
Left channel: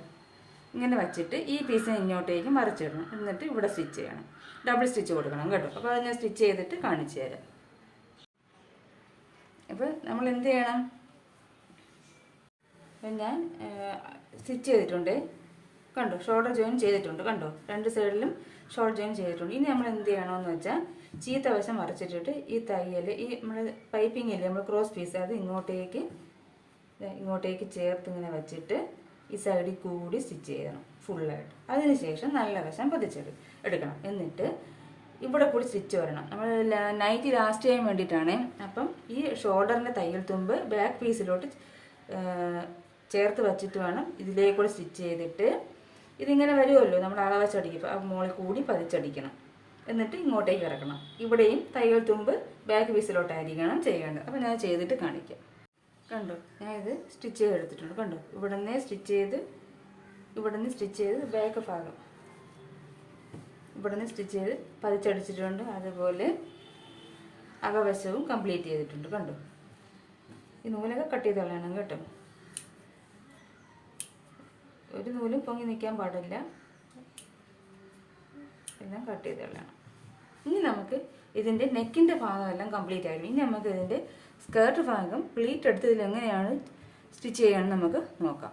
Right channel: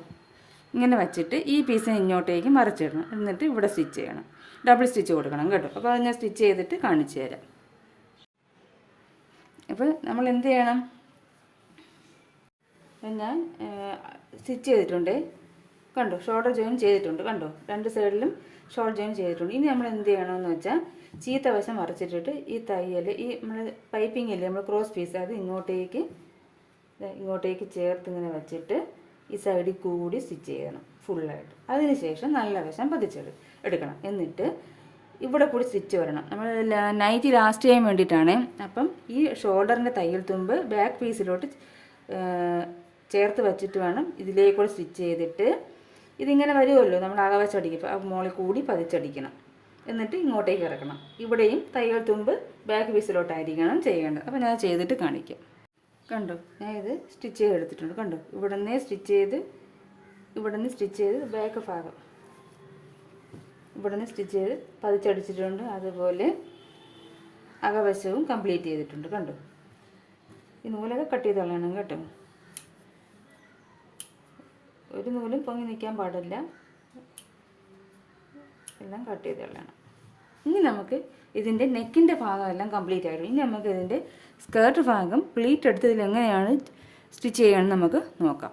ഇങ്ങനെ വച്ചിട്ട് ഈ പീസിനെ ഇങ്ങോട്ടേക്ക് മറിച്ചിടണം. എന്നിട്ട് ഇവിടെ സ്റ്റിച്ച് ചെയ്യണം. ഡബിൾ സ്റ്റിച്ച് കൊടുക്കണം കേട്ടോ. അപ്പോൾ അത് ഞാൻ സ്റ്റിച്ച് ചെയ്തിട്ട് കാണിച്ചു തരാം. അപ്പോൾ നമ്മൾ എന്ത് ചെയ്യണം, ഞാൻ സ്റ്റിച്ച് ചെയ്തിട്ടുണ്ട് കണ്ടോ. ഷോൾഡർ ജോയിൻ ചെയ്തിട്ടുണ്ട് കണ്ടോ. രണ്ട് സൈഡിലും ഷോൾഡർ ജോയിൻ ചെയ്തിട്ടുണ്ട്. ഇനി നമ്മൾ എന്ത് ചെയ്യണമെന്ന് വെച്ചാൽ ചീത്ത വശം മറിച്ചിട്ടിട്ട് ഈ തയ്യൽ ഈ നമ്മൾ പൈപ്പിംഗ് ഇല്ലേ നമ്മൾ ക്രോസ് പീസ് അത് ഇങ്ങോട്ടേക്ക് ചേർത്ത് ഇങ്ങനെ വെച്ചിട്ട് ഈ സൈഡിൽ കൂടി സ്റ്റിച്ച് ചെയ്യണം ഫുള്ളായിട്ട്. അതിന് ശേഷം നല്ല വശം എടുക്കണം. എന്നിട്ട് ഇവിടെ കൂടി സ്റ്റിച്ച് വരണം. നമ്മൾ നൈറ്റ് ലാസ്റ്റ് ചെയ്യാൻ വേണ്ടിയിട്ടാണ്. അപ്പം ഈ ഷോൾഡറിൻ്റെ തയ്യൽ തുമ്പ് ബാക്ക് പീസിലോട്ട് ചേർത്ത് വെച്ചിട്ട് വേണം ഇതിലേക്കൂടെ സ്റ്റിച്ച് ചെയ്തിട്ട് ഇതിങ്ങനെ വരുമല്ലോ നമ്മൾ അകവശം അടിക്കും. ആ മുകളിൽ കൂടി പതിച്ചടിക്കണം. എന്നിട്ട് ഇങ്ങോട്ടേക്ക് ഇറക്കണം. ഇവിടെയും തയ്യൽ തുമ്പ് ബാക്ക് പീസിലോട്ടായിരിക്കണം ചെയ്യേണ്ടത്. അപ്പോൾ ഞാൻ ചെയ്തിട്ട് കാണിക്കാം കണ്ടോ. ഞാൻ ഇത് സ്റ്റിച്ച് ചെയ്തെടുത്തിട്ടുണ്ട് കണ്ടോ. ഇവിടെ നിന്ന് സ്റ്റിച്ച് ചെയ്ത് ബാക്ക് ഭാഗം ഇവിടെ നിന്ന് സ്റ്റിച്ച് ചെയ്ത് പതിച്ചടിച്ചിട്ടുണ്ട്. അതുപോലെ അകവശവും കംപ്ലീറ്റ് ചെയ്തിട്ടുണ്ട് കണ്ടോ. ഈ നൂലൊക്കെ കട്ട് ചെയ്ത് കളയണം കേട്ടോ. ഒരു നൂലും പൊങ്ങി നിൽക്കാൻ പാടില്ല, എല്ലാം കട്ട് ചെയ്ത് കളയണം. ഇനി നമുക്ക് ഇതിൻ്റെ നെക്കിൻ്റെ ഭാഗമെല്ലാം കംപ്ലീറ്റ് ആയിരുന്നു. ഇനി നമുക്ക് ഇതിൻ്റെ സ്കേർട്ട് ഭാഗം പ്ലീറ്റ് എടുത്ത് ഇതിലെങ്ങനെയാണ് സ്റ്റിച്ച് ചെയ്യണമെന്ന് നമുക്ക് നോക്കാം.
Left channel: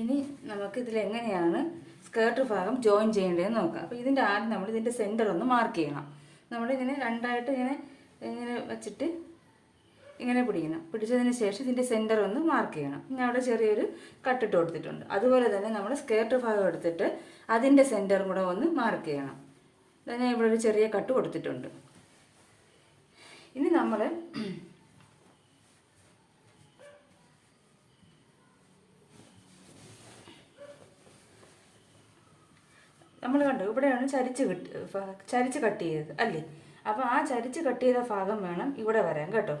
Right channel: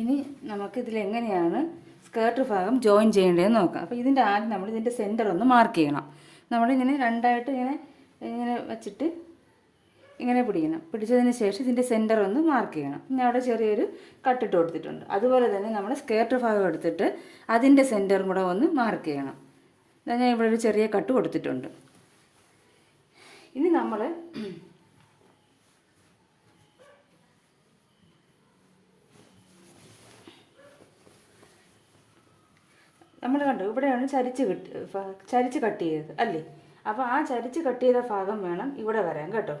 ഇനി നമുക്ക് ഇതിലെങ്ങനെയാണ് സ്കേർട്ട് ഭാഗം ജോയിൻ ചെയ്യേണ്ടതെന്ന് നോക്കാം. അപ്പോൾ ഇതിൻ്റെ ആദ്യം നമ്മൾ ഇതിൻ്റെ സെൻറ്റർ ഒന്ന് മാർക്ക് ചെയ്യണം. നമ്മളിങ്ങനെ രണ്ടായിട്ട് ഇങ്ങനെ വെച്ചിട്ട് ഇങ്ങനെ പിടിച്ചതിന് ശേഷം ഇതിൻ്റെ സെൻറ്റർ ഒന്ന് മാർക്ക് ചെയ്യണം. പിന്നെ അവിടെ ചെറിയൊരു കട്ടിട്ട് കൊടുത്തിട്ടുണ്ട്. അതുപോലെ തന്നെ നമ്മൾ സ്കേർട്ട് ഭാഗം എടുത്തിട്ട് അതിൻ്റെ സെൻറ്ററും കൂടെ ഒന്ന് മാർക്ക് ചെയ്യണം. ഞാൻ ഇവിടെ ഒരു ചെറിയ കട്ട് കൊടുത്തിട്ടുണ്ട്. ഇനി നമ്മൾ കണ്ടു ഇവിടെയാണ് ചരിച്ച് കട്ട് ചെയ്തത് അല്ലേ. അപ്പോൾ ആ ചരിച്ച് കട്ട് ചെയ്ത ഭാഗം വേണം ഇവിടെ വരാൻ കേട്ടോ.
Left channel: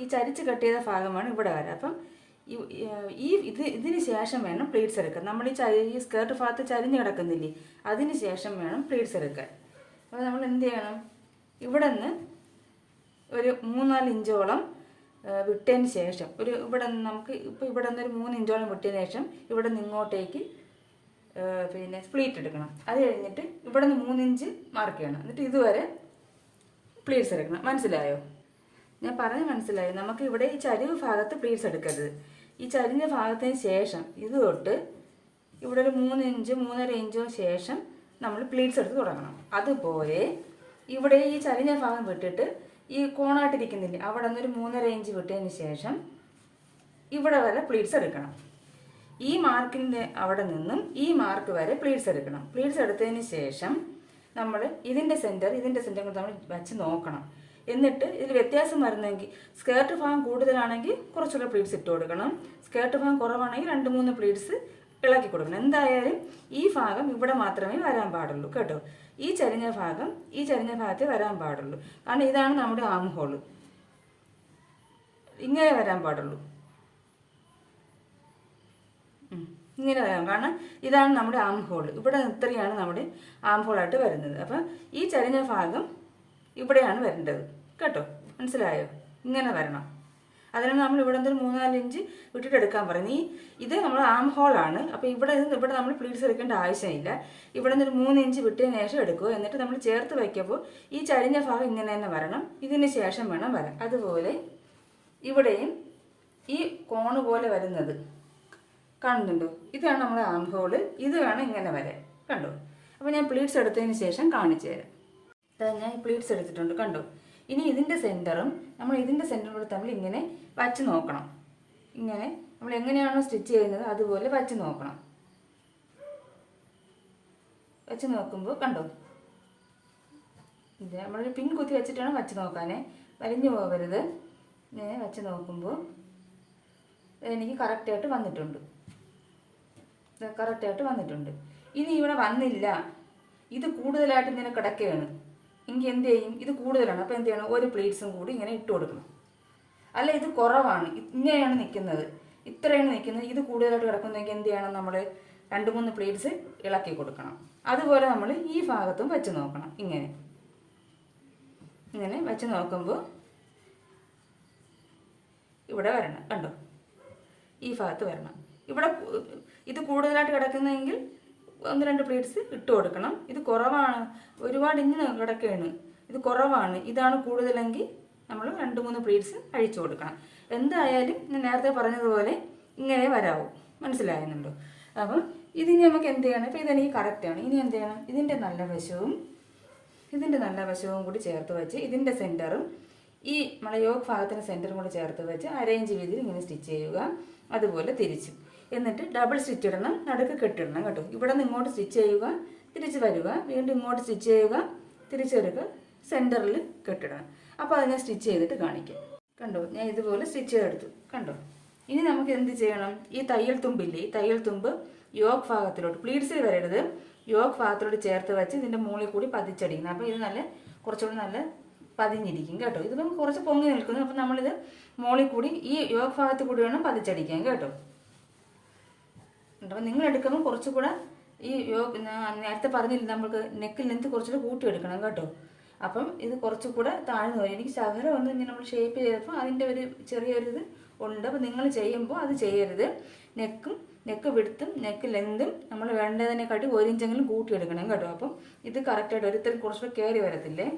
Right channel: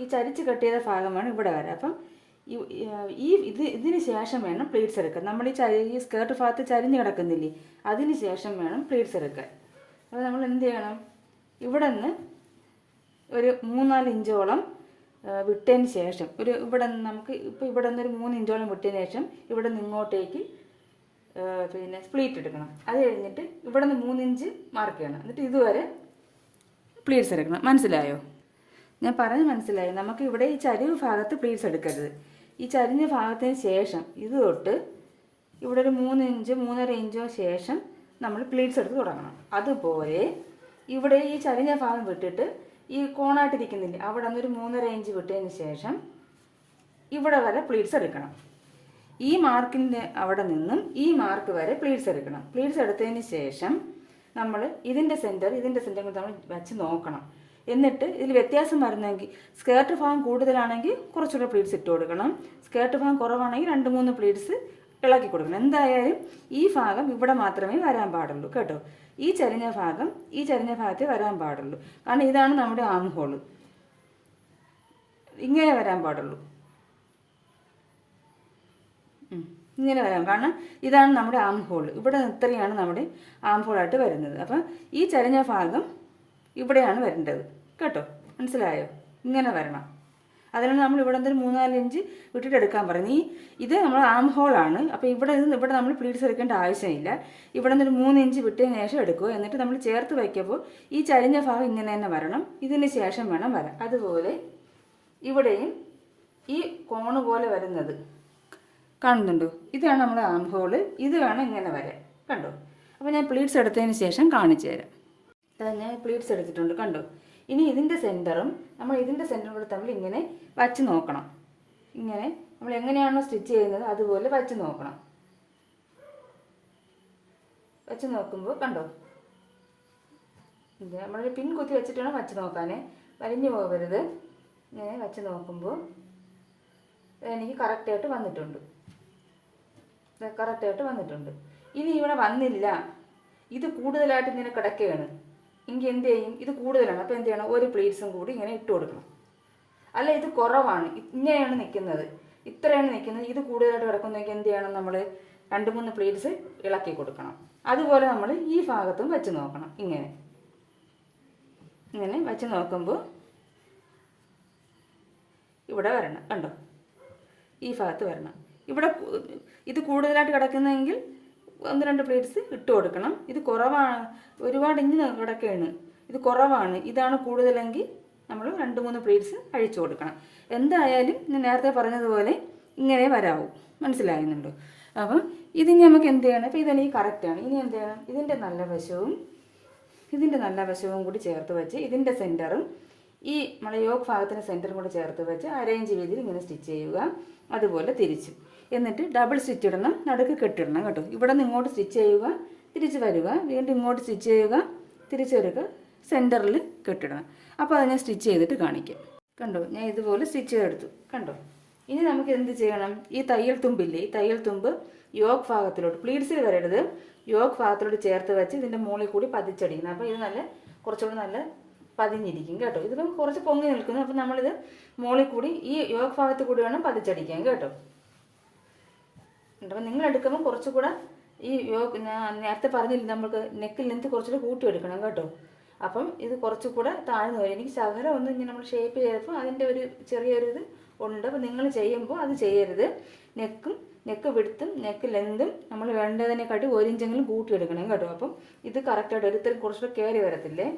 ഈ ചരിച്ച് കട്ട് ചെയ്ത ഭാഗം വേണം ഇവിടെ വരാൻ. അപ്പം ഇതിന് ശേഷം വേണം പ്ലീറ്റ്സ് എടുക്കാൻ. നമ്മൾ ഈ സ്കേർട്ട് ഭാഗത്ത് ചരിഞ്ഞ് കിടക്കുന്നില്ലേ, അതിന് ശേഷം വേണം പ്ലീറ്റ്സ് എടുക്കാൻ. അപ്പോൾ നമ്മൾ എന്ത് ചെയ്യണം, ഇവിടെ നിന്ന് ഒരു 3-4 ഇഞ്ചോളം വിട്ടതിന് ശേഷം ഇവിടെ നിന്ന് നമുക്ക് ഇപ്പോൾ ഇവിടെ നിന്ന് ഒരു 3 ഇഞ്ചോളം വിട്ടതിന് ശേഷം ഇവിടെ നിന്ന് ഇങ്ങോട്ടേക്ക് പിന്നെ സ്പ്ലീറ്റ് എടുക്കണം. അത് കഴിഞ്ഞിട്ട് ഇവിടെ നിന്ന് 3 ഇഞ്ച് മാർക്ക് ചെയ്യണം. എന്നിട്ട് ഇതുവരെ പ്ലീറ്റ്സ് എടുക്കണം. മനസ്സിലായോ? ഞാൻ പറഞ്ഞ് മനസ്സിലായി. നമുക്ക് ഇവിടെ ഈ ചരിവ് ഭാഗത്ത് പ്ലീറ്റ്സ് എടുക്കരുത്. ഈ ചരിഞ്ഞ ഭാഗത്തിന് ശേഷം ഇത് തൊട്ട് ഇവിടെ ഒരു 3 ഇഞ്ച് 3.5 ഇഞ്ചോ ശേഷം നമ്മൾ പ്ലീറ്റ്സ് എടുത്ത് തുടങ്ങണം. അതുപോലെ ഇവിടെ ഈ ചരിഞ്ഞ ഭാഗം വിട്ടിട്ട് ഈ കോണായിട്ടിരിക്കുന്നില്ലേ അവിടെ നിന്ന് ഒരു 3.5 ഇഞ്ച് വിട്ടതിന് ശേഷം ഇവിടെ വരെ പ്ലീറ്റ്സ് എടുക്കണം. ഈ മാർക്കിൻ്റെ അവിടെ നിന്നും ഈ മാർക്ക് വരെ പ്ലീറ്റ്സ് എടുക്കണം. പ്ലീറ്റ്സ് എടുത്തതിന് ശേഷം നമ്മൾ ഇതിൻ്റെ സെൻറ്റർ കൂടി നമ്മൾ വച്ച് നോക്കണം. എന്നിട്ട് ഇതിൽ വ്യത്യാസം വരുന്നെങ്കിൽ സ്കേർട്ട് ഭാഗം കൂടുതലാണെങ്കിൽ കുറച്ചുകൂടെ പ്ലീറ്റ്സ് ഇട്ട് കൊടുക്കണം. സ്കേർട്ട് ഭാഗം കുറവാണെങ്കിൽ 2-3 പ്ലീറ്റ്സ് ഇളക്കി കൊടുക്കണം. എന്തായാലും ഈ ഭാഗം ഇവിടെ മാത്രമേ വരാൻ പാടുള്ളൂ കേട്ടോ. ഈ ചരിഞ്ഞ ഭാഗത്തെ വരാൻ പാടുള്ളൂ. കാരണം ഇതാണ് നമ്മുടെ ആം ഹോള്. ഇങ്ങനെ വരാൻ പാടുള്ളൂ. ഇങ്ങനെ വരാം. കാരണം ഇതാണ് നമ്മുടെ ആം ഹോൾ. ഇവിടെ ഇത്രയാണ് നമ്മുടെ ആം ഹോളായിട്ട് വരുന്നത്. അപ്പം ഈ ചരിഞ്ഞ ഭാഗം ഇവിടെയാണ് വരേണ്ടത് കേട്ടോ. മനസ്സിലായോ? ഇങ്ങനെ വരണം. അതിനാണ് നമ്മൾ ഇവിടെ എന്തൊരു 3-4 ഇഞ്ച് വിട്ടിട്ട് എടുക്കാൻ പറയുന്നത്. ഇത് നമ്മൾ ആം ഹോളാണ്. അപ്പോൾ ഇവിടെ നമ്മൾ പ്ലീറ്റ്സ് എടുക്കേണ്ട ആവശ്യമില്ല. ഇവിടെ നിന്നൊരു 3 ഇഞ്ച് വിട്ടതിന് ശേഷം എടുക്കുക. എന്നിട്ട് നമ്മൾ ചേർത്ത് വയ്ക്കുമ്പോൾ ഈ ചരിഞ്ഞ ഭാഗം ഇങ്ങനെ തന്നെ വരണം. ഇതിന് ശേഷം വേണം വരാൻ. അതുപോലെ ഇവിടെയും ഈ കോണ് പോലെ വരുന്നത് കാണുന്നുണ്ടോ? ഇതാണ് നമ്മുടെ ആം ഹോള്. ഇത് വേണം ഇങ്ങനെ വരാൻ. കണ്ടോ? അപ്പോൾ ഞാൻ പ്ലീറ്റ്സ് എടുത്തതിന് ശേഷം കാണിച്ചു തരാം. ഞാൻ പ്ലീറ്റ്സ് എടുത്തിട്ടുണ്ട്. കണ്ടോ? ഇനി ഇതിൻ്റെ സെൻറ്ററും കൂടെ തമ്മിൽ ഇങ്ങനെ വച്ച് നോക്കണം. ഇങ്ങനെ നമ്മൾ എങ്ങനെയാണോ സ്റ്റിച്ച് ചെയ്യുന്നത് അതുപോലെ വച്ച് നോക്കണം. വച്ച് നോക്കുമ്പോൾ കണ്ടോ, ഇത് നമ്മളൊരു പിൻ കുത്തി വെച്ചിട്ട് വേണം വച്ച് നോക്കാനേ, വലിഞ്ഞു പോകരുത്. ഇങ്ങനെ വച്ച് നോക്കുമ്പോൾ എനിക്ക് കറക്റ്റായിട്ട് വന്നിട്ടുണ്ട്. ഇനി ഇവിടെ വന്നില്ല, ഇത് കൂടുതലായിട്ട് ഇങ്ങനെ കിടക്കുകയാണ് എങ്കിൽ എന്ത് ചെയ്യും? ഇത് കൂടുതലാണ്. അപ്പോൾ എന്ത് ചെയ്യണം? ഒരു പ്ലീറ്റ്സും കൂടി ഇങ്ങനെ ഇട്ട് കൊടുക്കണം. അല്ല ഇത് കുറവാണ്, ഇങ്ങനെയാണ് നിൽക്കുന്നത്, ഇത്രയാണ് നിൽക്കുന്നത്, ഇത് കൂടുതലായിട്ട് കിടക്കുന്നെങ്കിൽ എന്ത് ചെയ്യണം? നമ്മൾ 2-3 പ്ലീറ്റ്സ് ഇളക്കി കൊടുക്കണം. അതുപോലെ നമ്മൾ ഈ ഭാഗത്തും വെച്ച് നോക്കണം. ഇങ്ങനെ വെച്ച് നോക്കുമ്പോൾ ഇവിടെ വരണം. കണ്ടോ? ഈ ഭാഗത്ത് വരണം. ഇവിടെ ഇത് കൂടുതലായിട്ട് കിടക്കുന്നതെങ്കിൽ 1-2 പ്ലീറ്റ്സ് ഇട്ട് കൊടുക്കണം. ഇത് കുറവാണ്, ഒരുപാട് ഇഞ്ഞ് കിടക്കുകയാണ്, ഇത് കുറവാണ്, ഇതാണ് കൂടുതലെങ്കിൽ നമ്മൾ 2-3 പ്ലീറ്റ്സ് അഴിച്ചു കൊടുക്കണം. എന്തായാലും ഞാൻ നേരത്തെ പറഞ്ഞതുപോലെ ഇങ്ങനെ വരാവൂ. മനസ്സിലാകുന്നുണ്ടോ? അപ്പം ഇത് നമുക്ക് എന്ത് ചെയ്യണം? അപ്പോൾ ഇതെനിക്ക് കറക്റ്റാണ്. ഇനി എന്ത് ചെയ്യണം? ഇതിൻ്റെ നല്ല വശവും കൂടി ചേർത്ത് വെച്ച് ഇതിൻ്റെ സെൻറ്ററും ഈ നമ്മളെ യോക്ക് ഭാഗത്തിൻ്റെ സെൻറ്ററും കൂടി ചേർത്ത് വെച്ച് അരയിഞ്ച് വീതിയിൽ ഇങ്ങനെ സ്റ്റിച്ച് ചെയ്യുക. അതുപോലെ തിരിച്ചും. എന്നിട്ട് ഡബിൾ സ്റ്റിച്ച് ഇടണം, നടുക്ക് കെട്ടിടണം കേട്ടോ. ഇവിടെ നിന്ന് ഇങ്ങോട്ട് സ്റ്റിച്ച് ചെയ്യുക, തിരിച്ച് വരിക, വീണ്ടും ഇങ്ങോട്ട് സ്റ്റിച്ച് ചെയ്യുക, തിരിച്ചെടുക്കുക, സെൻറ്ററിൽ കെട്ടിടണം. അപ്പോൾ അത് ഞാൻ സ്റ്റിച്ച് ചെയ്തിട്ട് കാണിക്കാം. കണ്ടോ? ഞാൻ ഇതുപോലെ സ്റ്റിച്ച് ചെയ്തെടുത്തു. കണ്ടോ? ഇനി നമുക്ക് എന്ത് ചെയ്യണം? ഈ തയ്യൽ തുമ്പില്ലേ, ഈ തയ്യൽ തുമ്പ് യോക്ക് ഭാഗത്തിലോട്ട്, പ്ലീറ്റ്സിൽ വരരുത്, യോക്ക് ഭാഗത്തിലോട്ട് ചേർത്ത് വെച്ച് ഇതിൻ്റെ മുകളിൽ കൂടി പതിച്ചടിക്കണം. അപ്പോൾ ഇത് കുറച്ചുകൂടി നല്ല പതിഞ്ഞിരിക്കും കേട്ടോ. ഇതിപ്പം കുറച്ച് പൊങ്ങി നിൽക്കുന്നു. അപ്പോൾ നമ്മളിത് മുകളിൽ കൂടി ഈ യോക്ക് ഭാഗത്ത് കൂടി വേണം പതിച്ചടിക്കാൻ കേട്ടോ. അപ്പോൾ നിങ്ങൾ എടുക്കുമ്പോൾ കുറച്ചുകൂടെ ഈ ഞാൻ നേരത്തെ പറഞ്ഞില്ല, നമുക്ക് നെക്കിൽ ലെന്ത് കുറച്ചുകൂടെ കൂട്ടിയെടുക്കണം കേട്ടോ. അപ്പം ഇത് കുറച്ചുകൂടെ താഴ്ന്നു വരും. എനിക്ക് ശകലം ഒന്ന് ഇങ്ങനെ നമ്മൾ ഷേപ്പ് ചെയ്തപ്പോൾ അതിൻ്റെ ഒരു ചെറിയൊരു ഇത് ഉണ്ട്. അപ്പോൾ നിങ്ങൾ ചെയ്യുമ്പോൾ അത് ചെയ്യരുത്. നെക്ക് വിടുത്തും നെക്ക് ലെന്തും നമ്മൾ വേണ്ടതിനെക്കാട്ടി 1 ഇഞ്ചെങ്കിലും കൂട്ടിയെടുക്കണം കേട്ടോ. അപ്പം ഇത് കറക്റ്റായിട്ട് ഒരുത്തരം കുറച്ചുകൂടെ കയറി വരത്തില്ലേ.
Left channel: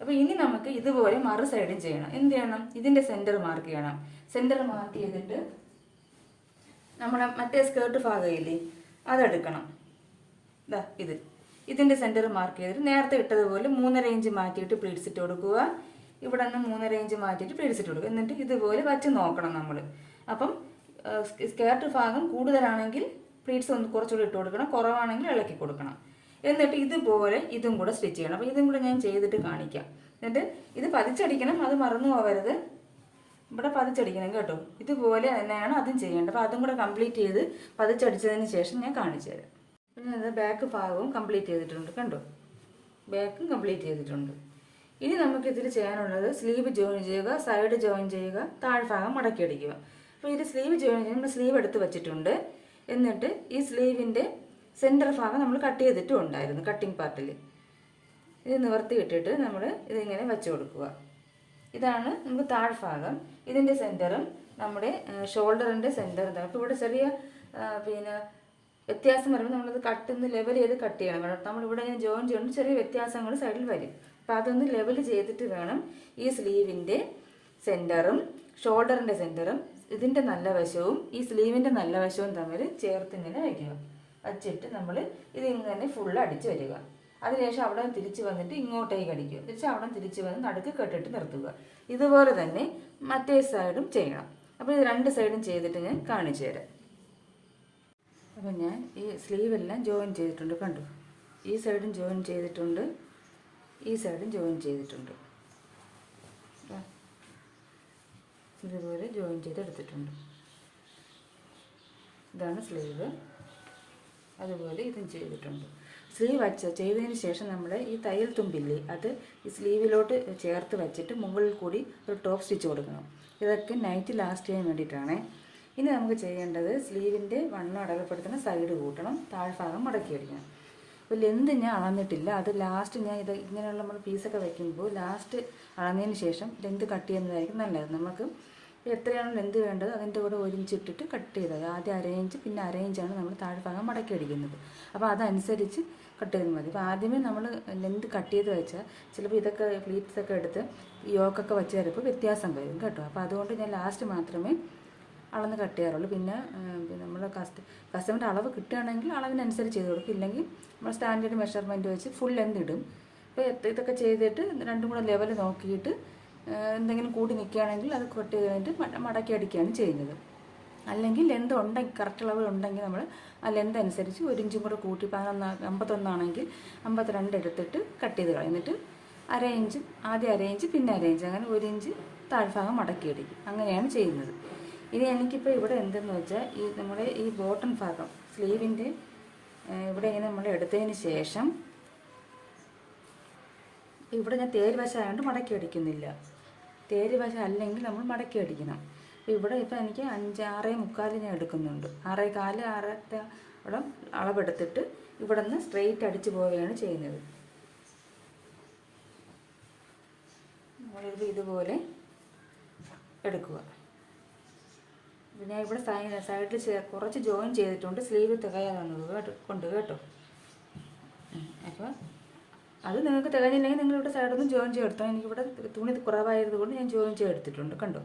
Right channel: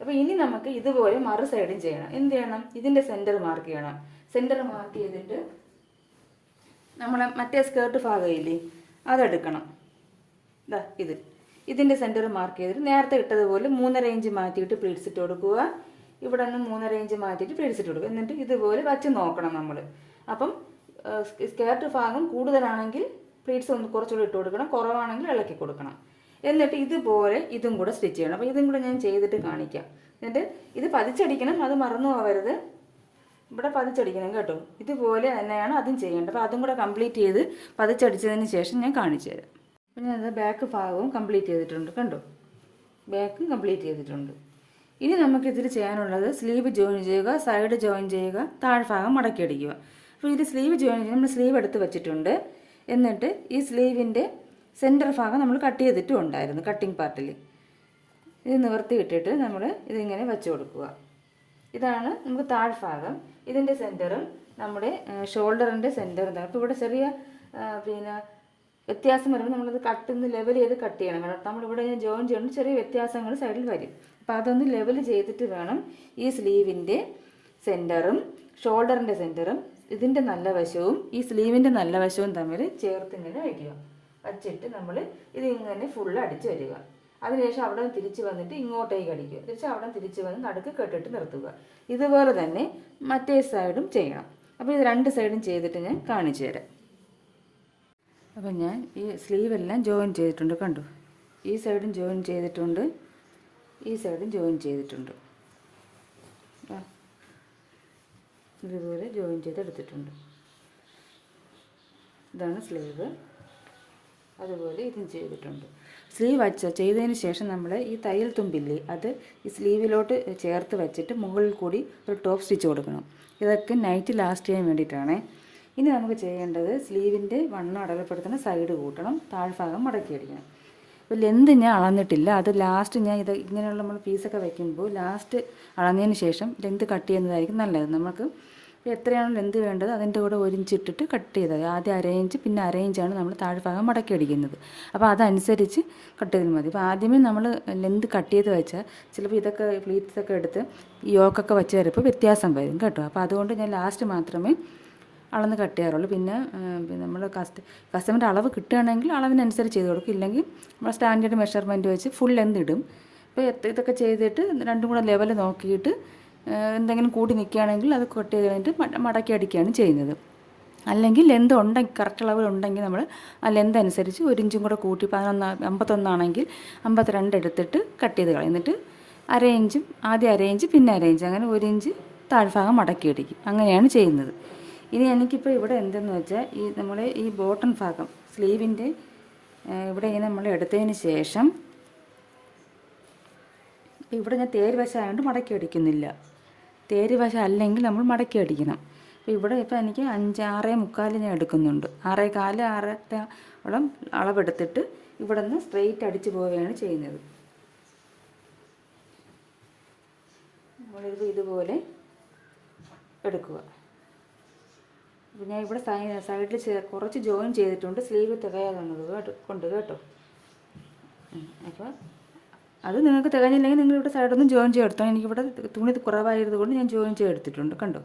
അപ്പോൾ ഇനി നമുക്ക് ഇതുപോലെ മറു സൈഡും ചെയ്യണം. എന്ത് ചെയ്യണം? ഇതിൻ്റെ സെൻറ്റർ മാർക്ക് ചെയ്യണം. സെൻറ്റർ മാർക്ക് ചെയ്തിട്ട് നമ്മുടെ മറ്റേ സ്കേർട്ട് ഭാഗമില്ലേ അതെടുക്കണം. ഇതിൻ്റെ സെൻറ്റർ മാർക്ക് ചെയ്തിട്ട് നേരത്തെ ഇട്ടതുപോലെ 3.5 ഇഞ്ച് മാറ്റിയിട്ട് പ്ലീറ്റ്സ് ഇട്ട് കൊടുക്കുക. ഇവിടെ നിന്ന് 3.5 ഇഞ്ച് മാറ്റിയിട്ട് പ്ലീറ്റ്സ് ഇട്ട് കൊടുക്കുക. എന്നിട്ട് ഇതുപോലെ വച്ച് നോക്കണം നമ്മൾ. അപ്പം സ്കേർട്ട് ഭാഗം കൂടുതലാണെങ്കിൽ പ്ലീറ്റ്സ് ഒന്ന് കുറച്ചുകൂടി ഇട്ട് കൊടുക്കണം, കുറവാണെങ്കിൽ ഇളക്കി കൊടുക്കണം. എന്നിട്ട് ഇതുപോലെ ഇതും കൂടെ സ്റ്റിച്ച് ചെയ്യണം. അപ്പോൾ ഇതും കൂടെ ഞാൻ ചെയ്തിട്ട് കാണിക്കാം. എന്നിട്ട് ഇത് പതിച്ചടിക്കണം, അത് മറന്നു പോകരുത്. ഇവിടെ പതിച്ചടിക്കണം കേട്ടോ. ഇതുപോലെ തന്നെയാണ് അതും ചെയ്യേണ്ടത്. അപ്പോൾ അതും കൂടെ കംപ്ലീറ്റ് ചെയ്ത് പതിച്ചടിച്ചതിന് ശേഷം ഞാൻ കാണിച്ചു തരാം. പിന്നെ അത് ബാക്ക് ഭാഗവും കംപ്ലീറ്റ് ചെയ്തിട്ടുണ്ട്. കണ്ടോ? ബാക്കും കംപ്ലീറ്റ് ചെയ്തിട്ടുണ്ട്. ഇനി നമുക്കിതിൽ ചെയ്യാനുള്ളത് സ്ലീവ് ജോയിൻ ചെയ്യുക, സൈഡ് ജോയിൻ ചെയ്യുക, താഴ്ഭാഗം മടക്കി അടിക്കുക. അപ്പോൾ ഇത് സ്ലീവ് ജോയിൻ ചെയ്യുക, നമ്മൾ സ്ലീവ് എടുത്ത് വെച്ചിട്ടുണ്ട്. എന്നിട്ട് ഈ സ്ലീവിൻ്റെ സെൻറ്റർ ഭാഗം നമ്മൾ കട്ട് ചെയ്തിട്ടും ഉണ്ടായിരുന്നു കട്ടിങ് പാർട്ടിൽ. ഇത് നിവർത്തി ഇട്ടിട്ട് നമ്മൾ ഇതിങ്ങനെ വെച്ച് കൊടുക്കുക. ഇതാണ് നമുക്ക് താഴ്ഭാഗം. ഇതിൻ്റെ സെൻറ്ററും നമ്മുടെ ഷോൾഡറിൻ്റെ സെൻറ്ററും തമ്മിൽ ഇപ്പോൾ ഇവിടെ ചെറിയ വ്യത്യാസം വരുമ്പോൾ നമ്മളത് ലെവൽ ചെയ്ത് കട്ട് ചെയ്യണം കേട്ടോ. നമ്മളിവിടെ ഞാൻ ജോയിൻ ചെയ്യണം, ചെറിയ വ്യത്യാസങ്ങൾ സൈഡിൽ വരും. അപ്പോൾ അതൊന്ന് ലെവൽ ചെയ്തിട്ട് വേണം ഈ സ്ലീവിൻ്റെ സെൻറ്ററും ഷോൾഡറിൻ്റെ സെൻറ്ററും ഇതിൻ്റെ നല്ല വശവും ഈ സ്ലീവിൻ്റെ നല്ല വശവും തമ്മിൽ ചേർത്ത് ഇങ്ങനെ വയ്ക്കുക. വച്ചിട്ട് നമ്മൾ ഇതിങ്ങനെ ഫുള്ള് അടിച്ച് വരിക. അതിനുശേഷം അവിടെ നിന്ന് തിരിച്ച് വന്നിട്ട് ഇങ്ങോട്ടേക്ക് അടിക്കുക. അവിടെ തിരിച്ച് വന്ന് നടുക്ക് കെട്ടിട്ട് നിർത്തുക. ഇതുപോലെ തന്നെ മറ്റേ സൈഡും ചെയ്യണം. അപ്പോൾ ഇത് രണ്ട് സൈഡും ചെയ്തിട്ട് ഞാൻ കാണിച്ചു തരാം. അപ്പം ഞാൻ ഈ സ്ലീവെല്ലാം ജോയിൻ ചെയ്തിട്ടുണ്ട്, കണ്ടു. ഈ സൈഡും ജോയിൻ ചെയ്തിട്ടുണ്ട്, ഈ സൈഡും ജോയിൻ ചെയ്തിട്ടുണ്ട്. ഇതുപോലെ ജോയിൻ ചെയ്തെടുത്തിട്ടുണ്ട്. ഇതാണ് സ്ലീവ്. അതുപോലെ ഇതും ചെയ്തിട്ടുണ്ട്. സ്ലീവ് ചെയ്തതിന് ശേഷം നമ്മൾ ഈ തയ്യൽ തുമ്പില്ലേ, അത് ഈ സ്ലീവിലോട്ട് ചേർത്ത് വെച്ചിട്ട് മുകളിൽ കൂടി ഒരു ടോപ്പ് സ്റ്റിച്ച് കൊടുക്കണം. ഇതൊക്കെ നൈറ്റ് ലാസ്റ്റ് ചെയ്യാൻ വേണ്ടിയിട്ടാണ്. ഇനി നമുക്ക് ചെയ്യേണ്ടത് സ്ലീവിൻ്റെ വണ്ണം അടയാളപ്പെടുത്തുന്ന സൈഡ് കൂട്ടണം, താഴ്ഭാഗം മടക്കി അടിക്കണം. അപ്പോൾ ലെന്ത് ഞാൻ അളന്നിട്ടില്ല, അത് ലാസ്റ്റ് ഞാൻ ഇത് ഇങ്ങനെയുള്ള നമ്മൾ പീസൊക്കെ വയ്ക്കുമ്പോൾ ലാസ്റ്റ് അളന്നതിന് ശേഷം ലെന്ത് കട്ട് ചെയ്യുന്നതായിരിക്കും നല്ലത്. നമുക്ക് ഇപ്പോൾ എത്രയാണ് ലെന്ത് വേണ്ടത് അതിൻ്റെ കൂടെ 1 ഇഞ്ച് ഇട്ടിട്ട് കട്ട് ചെയ്താൽ ആദ്യം 1/2 ഇഞ്ച് പിന്നെ 1/2 ഇഞ്ചാണ് നമ്മൾ താഴ്ഭാഗം മടക്കി അടിക്കുന്നത്. അപ്പോൾ അതനുസരിച്ച് കട്ട് ചെയ്താൽ മതി. അപ്പോൾ ആദ്യമേ നമ്മൾ ലെന്ത് കട്ട് ചെയ്ത് വെച്ചാൽ ചിലപ്പോൾ ഇതൊക്കെ ഫ്ലീറ്റ്സൊക്കെ എടുത്ത് യോക്കൊക്കെ വെച്ച് വരുമ്പോൾ വ്യത്യാസം വരും കേട്ടോ. അപ്പോൾ അതുകൊണ്ട് ഞാൻ ലാസ്റ്റ് മാത്രമേ അളന്ന് കട്ട് ചെയ്യാറുള്ളൂ. പിന്നെ നമ്മൾ കസ്റ്റമറിൻ്റെ അളവ് കിട്ടുകയാണെങ്കിൽ അളവിനനുസരിച്ച് ചെയ്ത് കൊടുക്കും. ഇല്ലെങ്കിൽ നമ്മൾ സ്റ്റാൻഡേർഡ് മെഷർമെൻറ്റ് വെച്ച് ഫുൾ ലെന്ത് ഇടും. അപ്പോൾ ഇതൊക്കെ ചെയ്തിട്ട് രണ്ടും കൂടെ ലെവൽ നോക്കിയിട്ട് എന്തെങ്കിലും കൂടി നിൽക്കുകയാണെങ്കിൽ അത് കട്ട് ചെയ്ത് കഴിഞ്ഞിട്ട് മടക്കി അടിക്കുകയാണ് ചെയ്യുന്നത്. അല്ലെങ്കിൽ ലെന്ത് ഉണ്ടെങ്കിൽ കറക്റ്റ് അളവിലുണ്ടെങ്കിൽ നമ്മൾ ആ ലെന്ത് അനുസരിച്ച് 1 ഇഞ്ചും കൂടെ കൂട്ടി 51 ആണെങ്കിൽ 52 എടുത്തിട്ട് കട്ട് ചെയ്ത് കളയും. എന്നിട്ട് 1/2 ഇഞ്ചും ആദ്യം 1/2 ഇഞ്ച് പിന്നെ 1/2 ഇഞ്ച് അങ്ങനെ 1 ഇഞ്ച് താഴ്ഭാഗം മടക്കി അടിക്കും. അങ്ങനെയാണ് ചെയ്യുന്നത്. ഇനി എനിക്കിപ്പോൾ ഇവിടെ എന്തെന്ന് വെച്ചാൽ ഈ നമ്മുടെ ഈ ബോട്ടം ഭാഗം സ്ലീവിൻ്റെ ഇവിടെ ഇങ്ങനെ നമ്മൾ എടുത്തതിന് ശേഷം ഇവിടെ ഞാൻ തേരുവശം ആയതുകൊണ്ട് മടക്കി അടിക്കുന്നില്ല. തേരുവശം അല്ലെങ്കിൽ നമ്മൾ മടക്കി അടിക്കണം. അപ്പോൾ ഇവിടെ ഇപ്പോൾ എനിക്ക് 6.25 ഞാൻ എടുക്കുന്നുണ്ട്. 6.25 6 അളവെടുത്തിട്ട് ഇവിടെ നിന്ന് സ്ട്രെയിറ്റ് അടിച്ച് പോവുകയാണ് ചെയ്യുന്നത്. നമ്മളിത് ഇതുപോലെ എടുക്കുക. അപ്പോൾ ഞാൻ ഇവിടെ സൈഡിൽ കുറച്ച് ജോയിൻ ചെയ്തിട്ടുണ്ട്, സ്ലീവ് തികയാതെ കൊണ്ട് കേട്ടോ. അപ്പോൾ അത് നിങ്ങൾക്ക് തികഞ്ഞില്ലെങ്കിൽ നിങ്ങളിവിടെ സൈഡൊന്നും ജോയിൻ ചെയ്തെടുത്തോ. എനിക്കിവിടെ തുണി കുറവായത് കൊണ്ട് ഞാൻ ജോയിൻ ചെയ്തെടുത്തിട്ടുണ്ട്, കണ്ടോ.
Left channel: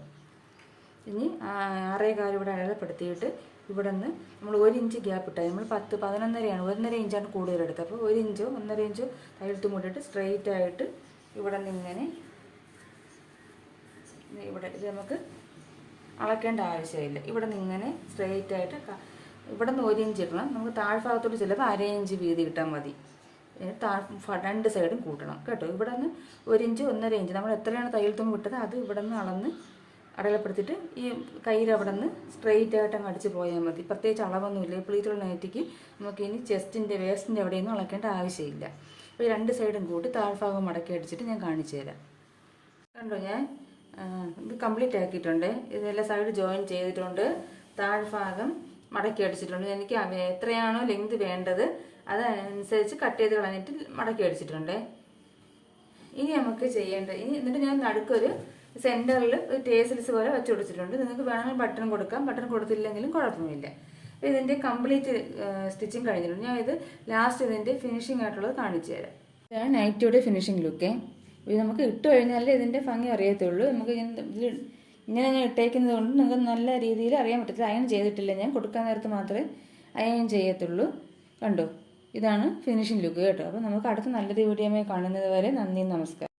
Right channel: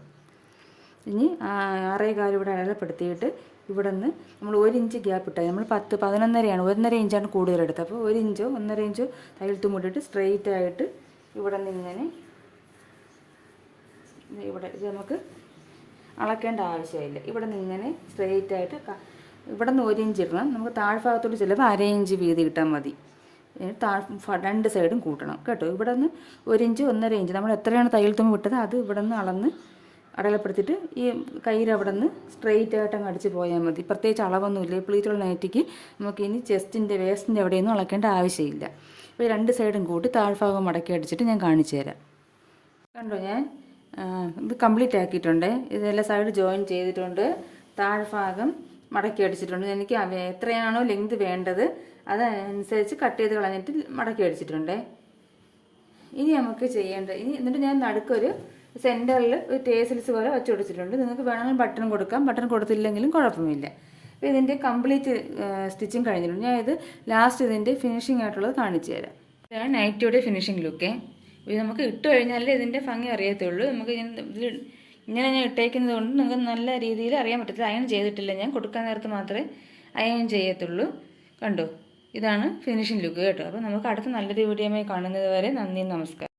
ഇനി 6.25 ഇവിടെ അടയാളപ്പെടുത്തിയിട്ട് ഇവിടെ നിന്ന് നമ്മൾ 1 ഇഞ്ച് ഗ്യാപ്പ് ഇട്ടാൽ നമ്മൾ 11.5 1.5 ഇഞ്ചാണ് കൂടുതലെടുത്തത്. അപ്പോൾ 1 ഇഞ്ചോ 1.5 ഇഞ്ചോ തയ്യൽ തുമ്പിട്ടിട്ട് സ്ട്രെയിറ്റ് ആയിട്ട് ഇവിടെ നിന്ന് ഇങ്ങനെ ഇവിടെ ഇത് നമുക്ക് അളക്കേണ്ട ആവശ്യമില്ല. ഇവിടെ നിന്ന് ഇങ്ങനെ സ്ട്രെയിറ്റ് ആയിട്ട് ഇവിടെ നിന്ന് 1 ഇഞ്ച് ഇടണം. നമുക്ക് താഴ്ഭാഗത്തോട്ട് ചിലപ്പോൾ 1/2 ഇഞ്ച് വീതി ഇട്ടാൽ മതി. രണ്ട് സൈഡും കൂട്ടണം കേട്ടോ. ഇവിടെ നിന്ന് 1 ഇഞ്ച് 1.5 ഇഞ്ച് നമ്മൾ എത്രയാണ് തയ്യൽ തുമ്പ് വിട്ടത് അത് ഇവിടെ നിന്ന് അളന്ന് അടയാളപ്പെടുത്തിയിട്ട് ഈ കയ്യിൽ അവിടെ നിന്ന് സ്ട്രെയിറ്റ് ആയിട്ട് അങ്ങ് അടിച്ച് പോയാൽ മതി. പ്രത്യേകിച്ച് അളവൊന്നുമില്ല. പ്ലീറ്റുള്ള നൈറ്റിക്ക് നമുക്ക് ഇനി ചെസ്റ്റിൻ്റെ വേസ്റ്റിൻ്റെ എവിടെയൊന്നും അളക്കേണ്ട ആവശ്യമില്ല. അപ്പോൾ ഈ രണ്ട് സൈഡും കൂട്ടി താഴ്ഭാഗം മടക്കി അടിച്ചിട്ട് ഞാൻ കാണിച്ചു തരാം. കണ്ടോ, ഞാൻ ഇത് കംപ്ലീറ്റ് ആക്കിയിട്ടുണ്ട്. ഇതെല്ലാം സൈഡ് ജോയിൻ ചെയ്തിട്ടുണ്ട്, താഴ്ഭാഗം മടക്കി അടിച്ചിട്ടുണ്ട്. എനിക്ക് എത്രയാണോ ലെങ്ത് വേണ്ടത് അതനുസരിച്ച് കട്ട് ചെയ്ത് കളഞ്ഞിട്ട് മടക്കി അടിച്ചിട്ടുണ്ട്. ഇനി നമുക്ക് എന്നിട്ട് ഞാൻ നടുക്കൊരു സെൻറ്ററിൽ ഒരു ടേസിൽസ് പോലെ വെച്ച് കൊടുത്തിട്ടുണ്ട്. നിങ്ങൾക്ക് വേണമെങ്കിൽ ബട്ടൺ കൊടുക്കാം, ബട്ടൺ കൊടുത്തില്ലെങ്കിലും കുഴപ്പമില്ല. അപ്പോൾ ഇതിൻ്റെ കംപ്ലീറ്റ് സ്റ്റിച്ചിങ് കഴിഞ്ഞിട്ടുണ്ട്. ഞാൻ ഇത് ലാസ്റ്റ് ഇതിൻ്റെ ഫിനിഷിംഗ് ആയിട്ടുള്ളത് കാണിച്ചു തരാം. ഇതാണ് നൈറ്റിയുടെ ഫിനിഷിംഗ് ലുക്ക്. ഇത് നമുക്ക് ഇട്ട് കഴിഞ്ഞാലേ ഇതിൻ്റെ ഭംഗി അറിയത്തുള്ളൂ. നമുക്ക് ഇങ്ങനെ ഞാൻ ഇട്ടേക്കുന്നത് കൊണ്ട് നിങ്ങൾക്ക് നല്ല രീതിയിൽ അറിയാൻ പറ്റത്തില്ല. അയൺ ചെയ്തിട്ടില്ല, ഞാൻ കൊടുക്കാൻ നേരത്ത് മാത്രമേ അയൺ ചെയ്യത്തുള്ളൂ. കണ്ടോ, ഇതാണ് ഫിനിഷിംഗ് ലുക്ക് കേട്ടോ. അപ്പോൾ നമുക്ക് അടുത്ത നല്ലൊരു വീഡിയോയുമായി കാണുന്നത് വരെ നന്ദി, നമസ്കാരം.